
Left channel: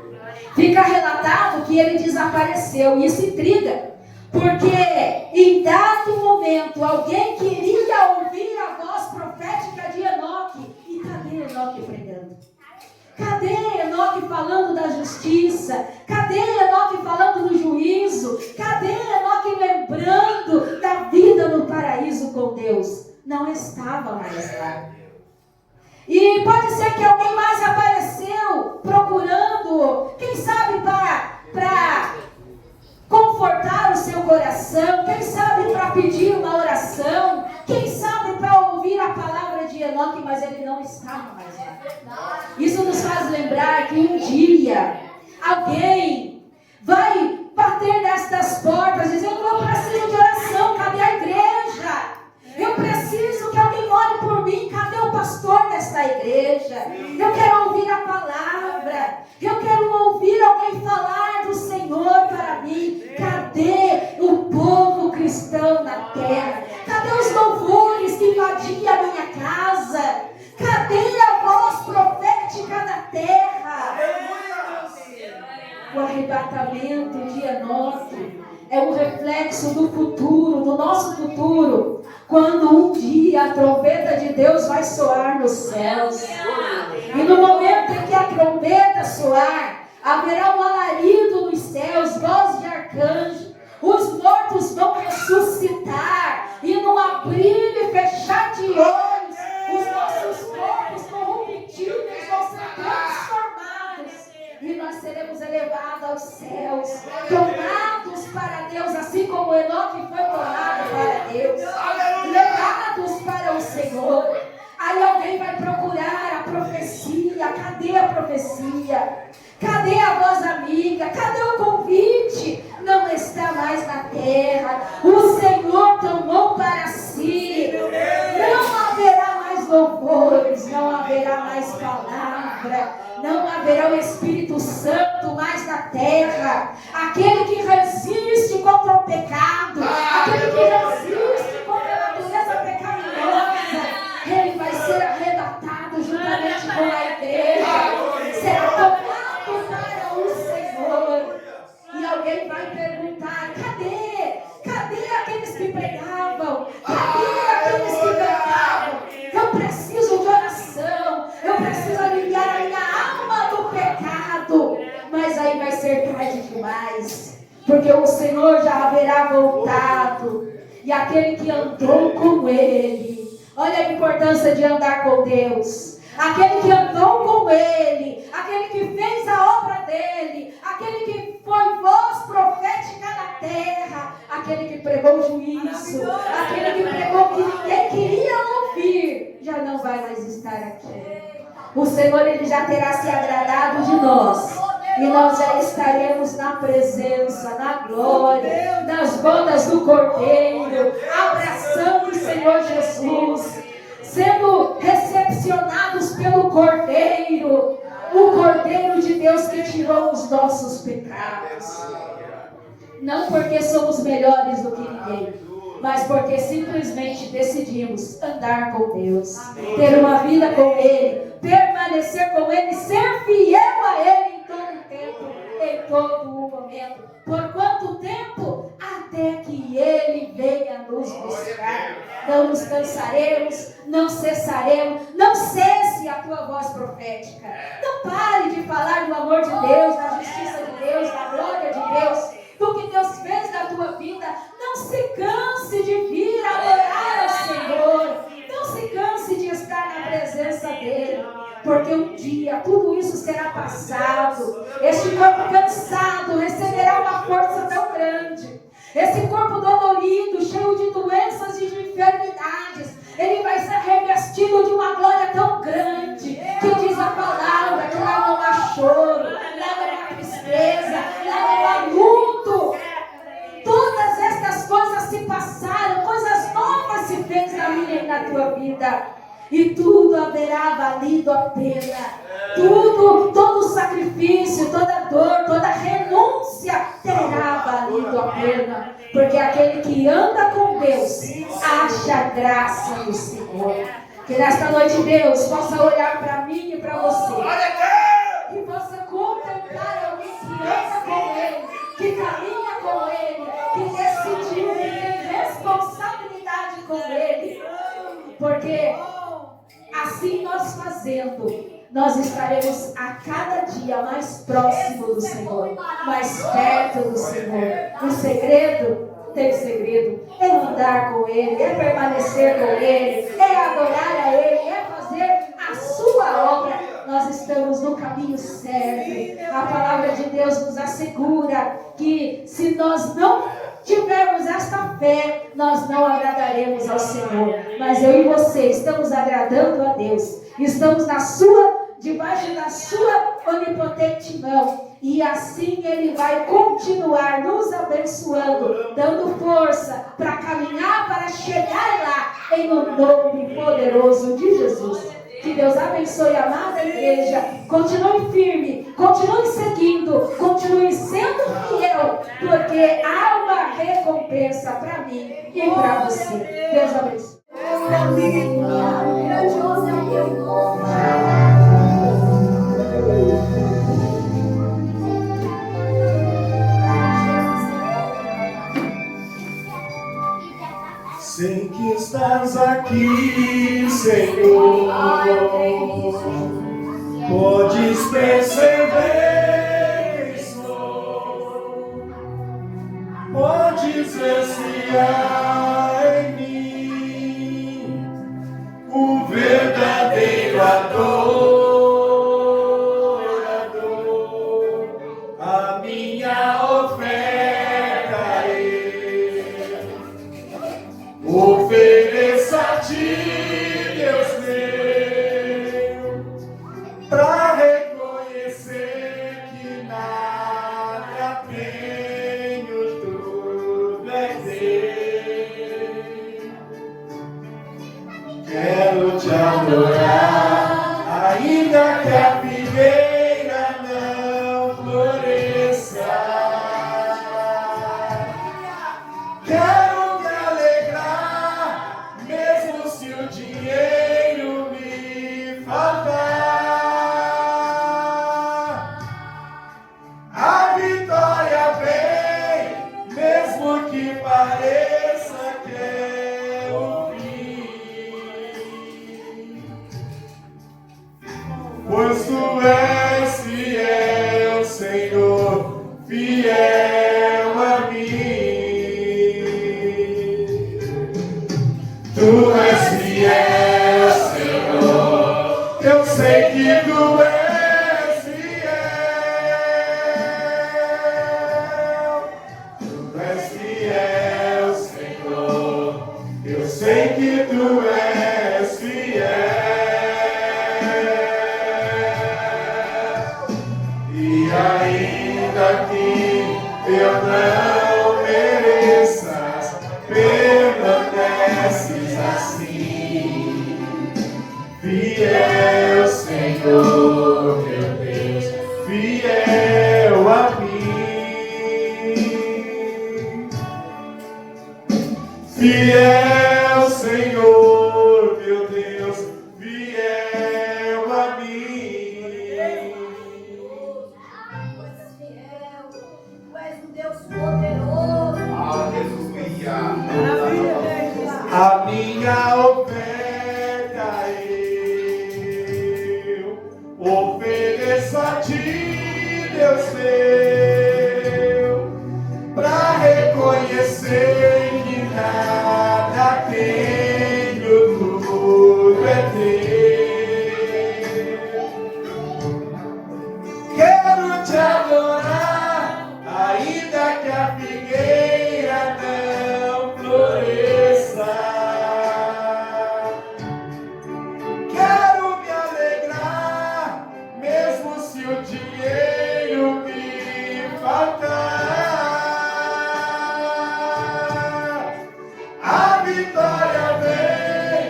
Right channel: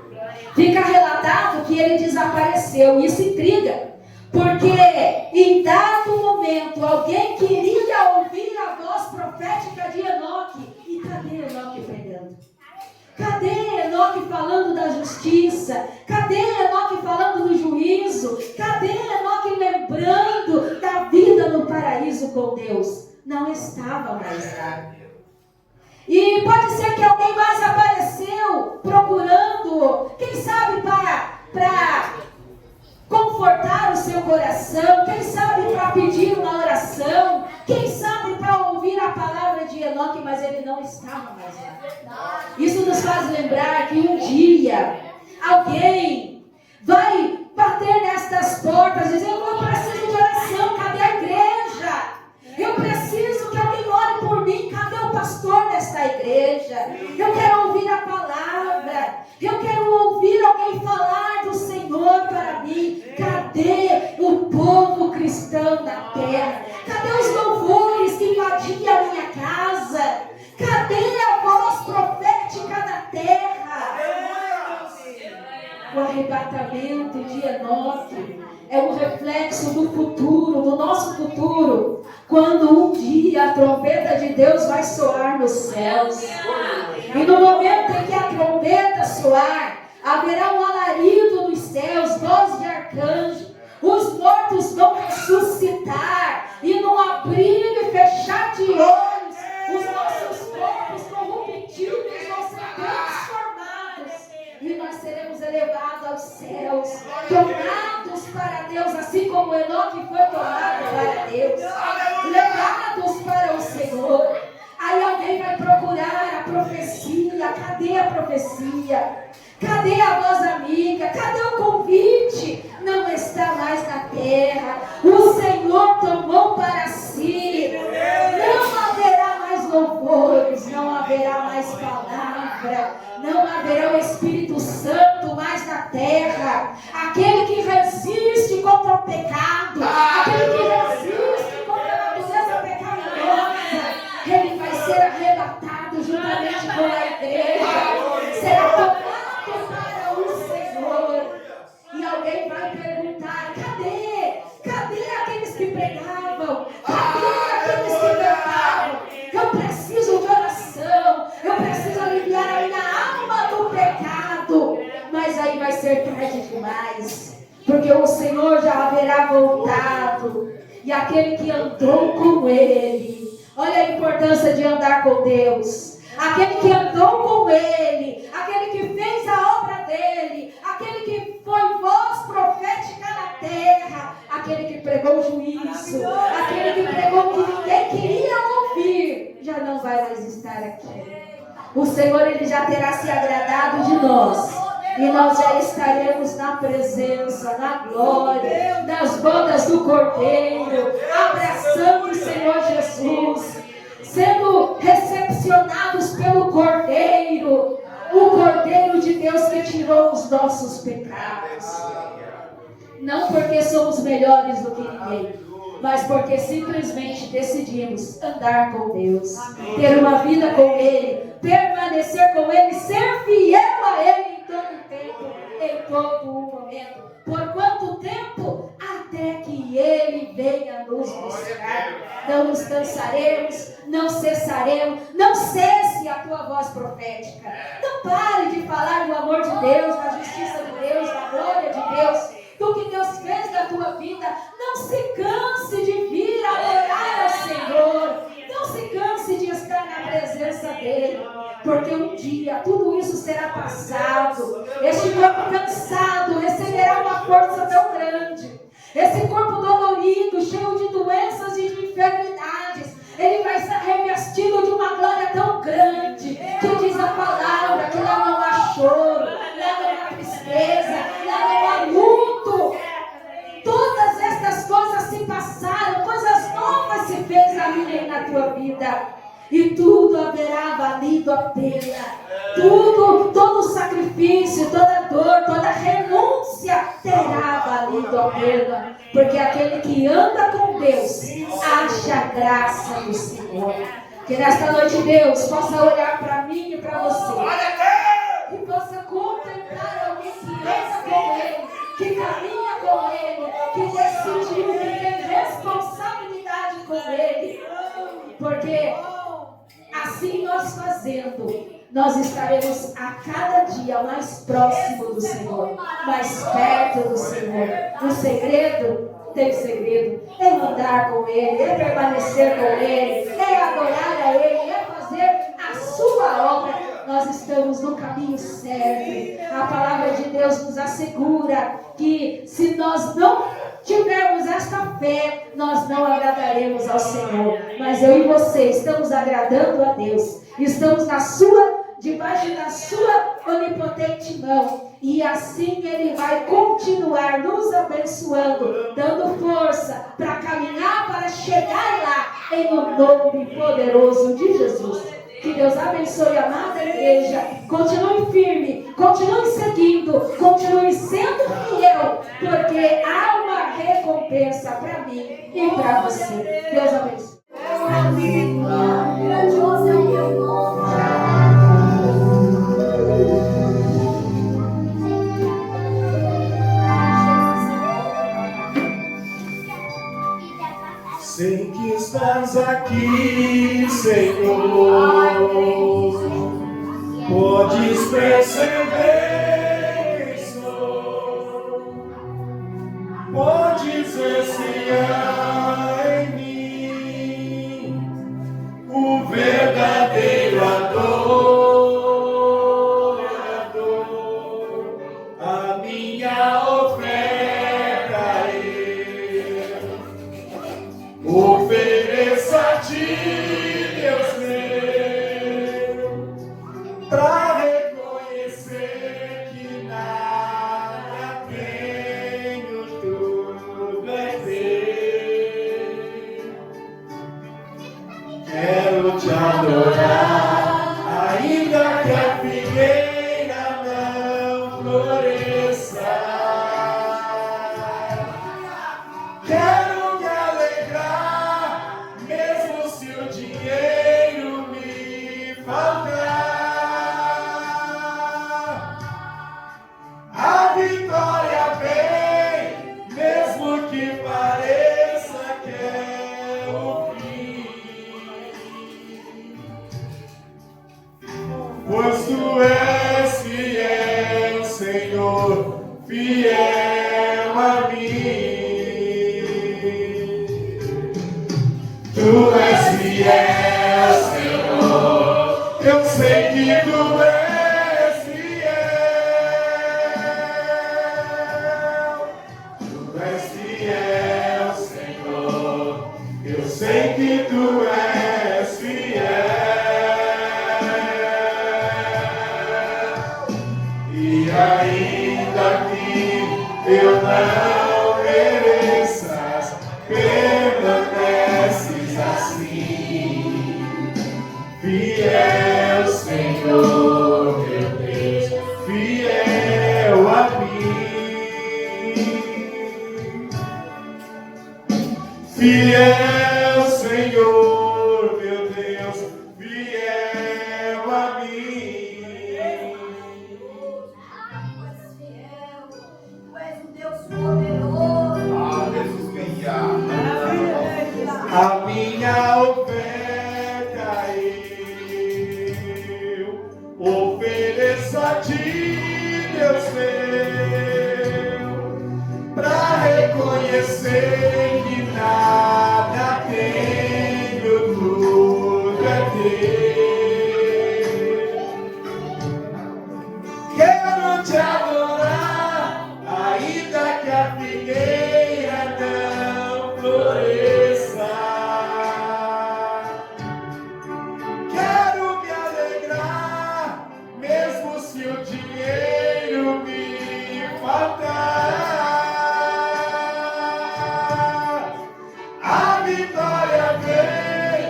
Fica relatado que ele desapareceu. Isso intriga, porque em dado momento alguém queria ouvir a voz profética de Enoque. E cadê Enoque pregando? Cadê Enoque falando da justiça? Cadê Enoque falando do juízo? Cadê Enoque lembrando da vida no paraíso com Deus? Não estava mais lá. E pode ser que alguém mais apareceu procurando, quem sabe para confortar o seu coração, quem sabe para pedir uma oração, quem sabe para ouvir a palavra de Enoque, mas ele não estava mais lá. Isso nos faz lembrar que um dia alguém vai bater nestas portas dizendo: eu preciso de oração, cadê a igreja? Eu preciso que alguém ore por mim, cadê o pastor desta igreja? Eu quero ouvir a palavra, eu quero ouvir alguém falar do Senhor para mim. Cadê o povo cristão na terra? Cadê os louvores que invadiam a minha casa? Cadê a voz profética na terra? O arrebatamento de Enoque é um reflexo do futuro, do nosso futuro, quando um dia a trombeta de Deus vai soar nos céus. E no momento em que a trombeta soar, haverá um alarido nos céus, voz de arcanjo. Os mortos vão ressuscitar, e num abrir e fechar de olhos, os nossos corpos corruptíveis vão ser transformados, e nós seremos elevados aos céus, tomados para Deus, assim como Enoque foi tomado para Deus, levados para o Senhor. Aí alguém vai procurar a profecia, Cadê a profecia? Cadê a voz amiga? Cadê o convite? Não está mais na terra. O Senhor tomou para si. Não haverá mais louvores, não haverá mais palavra, não haverá o Espírito Santo mais na terra. Aquele que resiste contra o pecado, aquele que resiste contra a natureza pecaminosa, ele vai ser arrebatado juntamente com a igreja. Será tomado para o Senhor. E alguém vai perguntar: cadê aqueles que pregavam? Cadê aqueles que cantavam? Eu preciso de oração, eu preciso aliviar a minha alma do pecado. Mas aí vai ser tarde demais, porque o Senhor já haverá voltado. E aquele que andou com Ele, olha a importância de andar com Deus. Aquele que andou com Ele, aquele que fez a obra dele, aquele que foi voz profética na terra, aquele que pregou juízo, aquele que pregou que ninguém queria ouvir, já não vai mais estar aqui. O Senhor, Ele já terá se agradado de nós, e nós já estaremos na presença, na glória, nas bodas do Cordeiro, abraçando o Senhor Jesus, sendo recepcionados pelo Cordeiro, o Cordeiro de Deus que tirou os nossos pecados. Não porque somos melhores do que ninguém, mas porque simplesmente decidimos andar com Deus, ter uma vida com Ele, permanecer com Ele, ser fiel a Ele em todo o tempo, em todo o momento. Por quanto tempo? Até que Ele venha nos buscar. Não nos cansaremos, não cessaremos. Não cesse a tua voz profética. Não pare de falar do amor de Deus, da justiça de Deus, da glória de Deus, do que Deus fez na tua vida. Não se canse de vir adorar ao Senhor. Não se canse de estar na presença dEle, porque um dia tudo isso será passado. Este corpo cansado receberá uma força tão grande. Esse corpo dolorido, cheio de doenças e de enfermidades, ele vai ser revestido de uma glória tão grande, que diz a palavra que lá não há choro, lá não há tristeza, lá não há luto. Todas estas coisas se passaram, coisas novas se fez na minha e na tua vida. E tudo haverá valido a pena. Todo sacrifício, toda dor, toda renúncia terá valido a pena. Porque aquele que anda com Deus acha a graça do Senhor. Que nesta noite Deus possa olhar para mim e para você. Que possa contemplar alguém que anda com Ele, que caminha com Ele, que decidiu que tem responsabilidade com Ele. Porque assim nós fazendo, nós estaremos a cada dia mais próximo do Senhor, mais perto do Senhor. O segredo, tem segredo, é andar com Ele, é permanecer com Ele, é adorar a Ele, é fazer a sua obra. Nós estamos no caminho certo. A palavra de Deus nos assegura que se nós não tivermos esta fé, nós não agradaremos ao Senhor. Mas eu e você estamos agradando a Deus. Estamos debaixo da sua onipotente mão. E assim Ele vai continuar nos abençoando, dando força para caminhar, para chegar lá, em o nome poderoso de Jesus. Que Deus abençoe a amada igreja. Continue firme, continue seguindo, continue sendo fiel, porque há uma recompensa para mim e para você. Deus abençoe. Grandioso é o teu nome. Sei que estás aqui, Senhor. Podes perceber isso. Podes ver se há em mim o verdadeiro adorador. A minha oferta ofereça a ti, Deus meu, para Fiel Senhor, meu Deus, fiel a mim. Tu és um Deus poderoso. Aleluia. A minha oferta eu ofereço a ti, Deus meu, para reconhecer que nada tenho, tudo é teu. Quero te adorar, ainda que a figueira não floresça. Quero me alegrar, mesmo se o dinheiro me faltar. A vitória vem,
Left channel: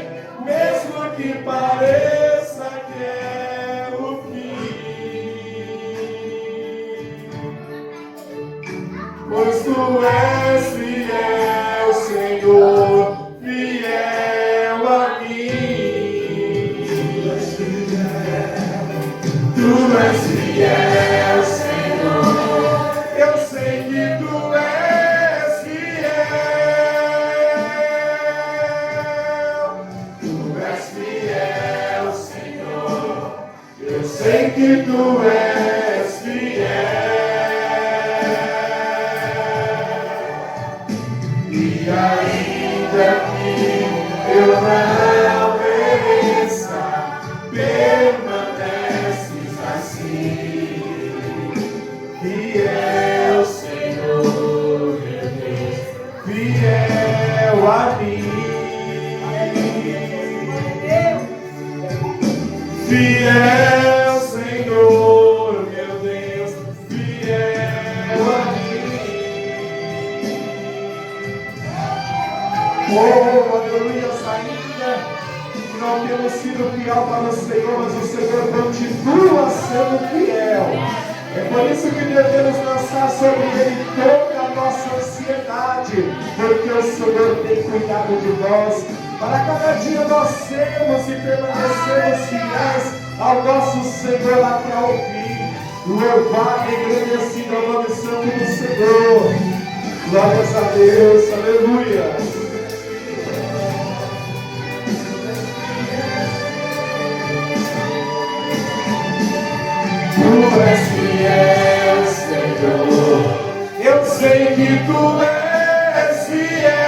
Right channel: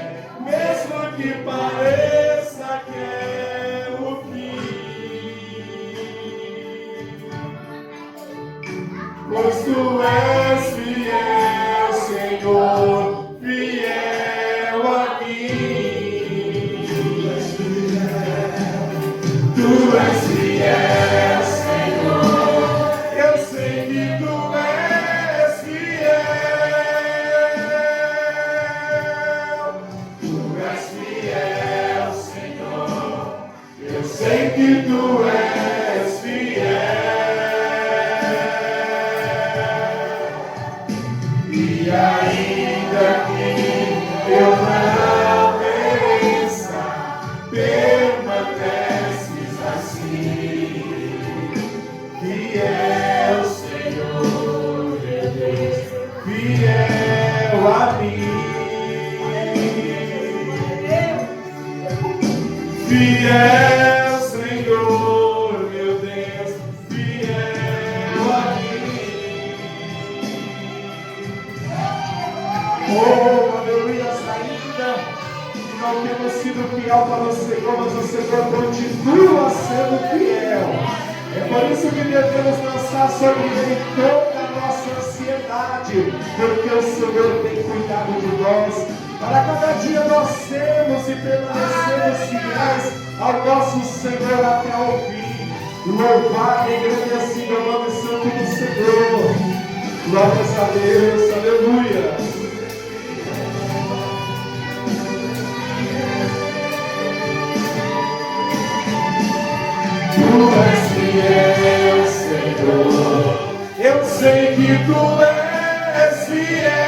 mesmo que pareça que é o fim. Pois tu és fiel, Senhor, fiel a mim. Tu és fiel, Senhor, eu sei que tu és fiel. Tu és fiel, Senhor, eu sei que tu és fiel. E ainda que eu não mereça, permaneces assim. Fiel, Senhor, meu Deus, fiel a mim. Fiel, Senhor, meu Deus, fiel a mim. Oh, aleluia, ainda não temos sido fiel para o Senhor, mas o Senhor continua sendo fiel. É por isso que devemos lançar sobre Ele toda a nossa ansiedade, porque o Senhor tem cuidado de nós. Para cada dia nós temos e permanecemos fiéis ao nosso Senhor até o fim. Louvado e agradecido ao nome santo do Senhor. Glórias a Deus, aleluia. Tu és fiel, Senhor, eu sei que tu és fiel.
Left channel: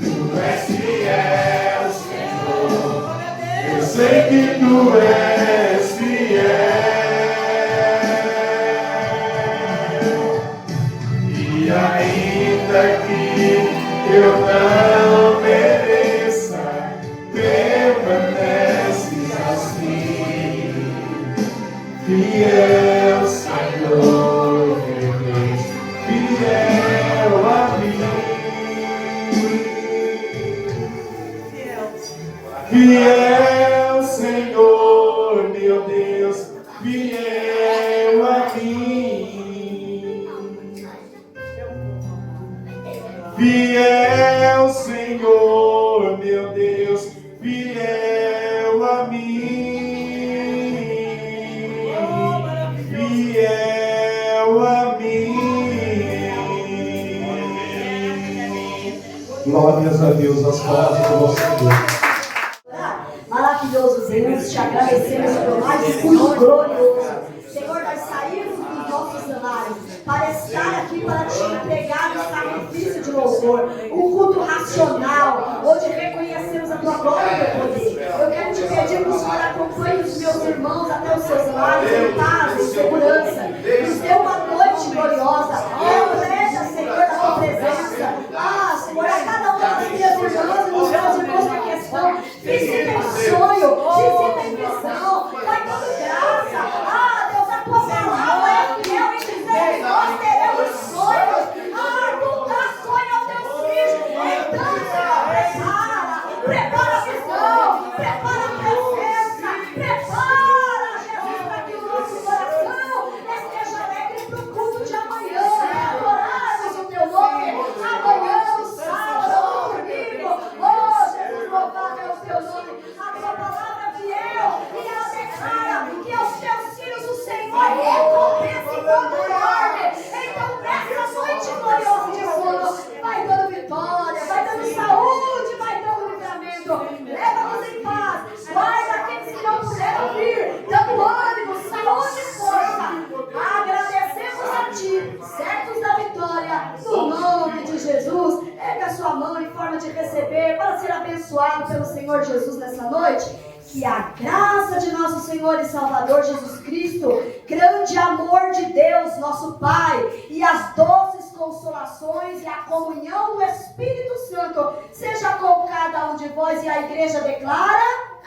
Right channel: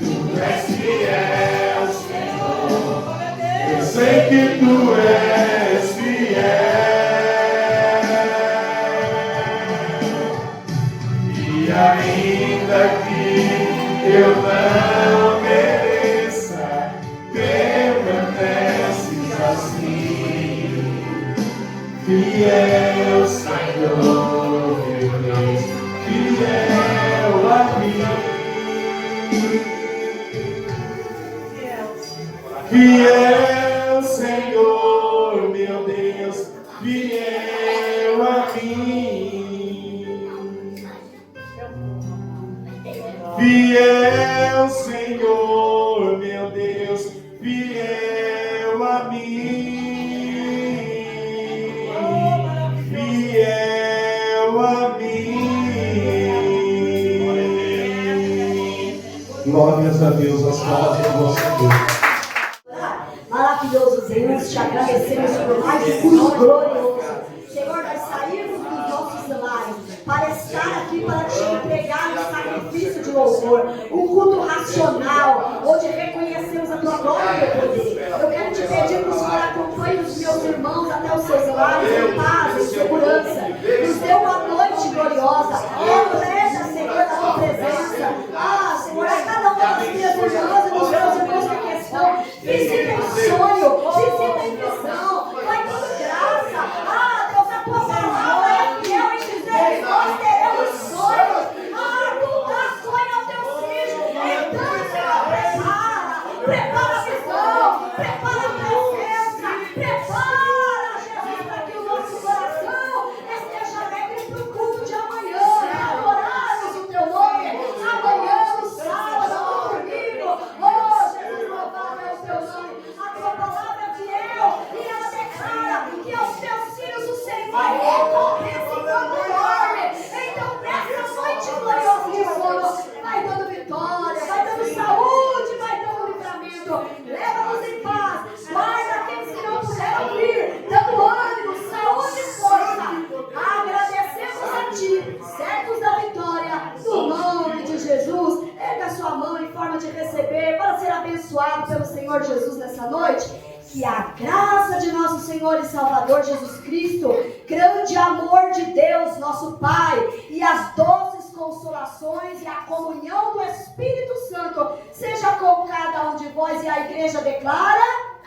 Tu és fiel, Senhor, eu sei que tu és fiel. E ainda que eu não mereça, permaneces assim. Fiel, Senhor, meu Deus, fiel a mim. Fiel, Senhor, meu Deus, fiel a mim. Fiel, Senhor, meu Deus, fiel a mim. Fiel a mim. Glórias a Deus, as palavras do nosso Deus. Maravilhoso Deus, te agradecemos por mais um culto glorioso. Senhor, nós saímos dos nossos cenários para estar aqui, para te entregar um sacrifício de louvor, um culto racional, onde reconhecemos a tua glória e o teu poder. Eu quero te pedir que o Senhor acompanhe os meus irmãos até os seus lares, em paz, em segurança. Nos dê uma noite gloriosa. Represa, Senhor, a tua presença. Ah, Senhor, a cada um das minhas irmãs, dos meus irmãos em questão, visita em sonho, visita em visão, vai toda graça. Ah, Deus, a tua palavra é fiel em dizer, nós teremos sonhos. Ah, tu dá sonho ao teu filho. Então, Senhor, prepara a visão, prepara a presença, prepara, Jesus, para que o nosso coração ti, certos da vitória, no nome de Jesus. Erga sua mão em forma de receber, para ser abençoado pelo Senhor Jesus nessa noite. Que a graça de nosso Senhor e Salvador Jesus Cristo, grande amor de Deus, nosso Pai, e as doces consolações e a comunhão do Espírito Santo, seja com cada um de vós, e a igreja declara...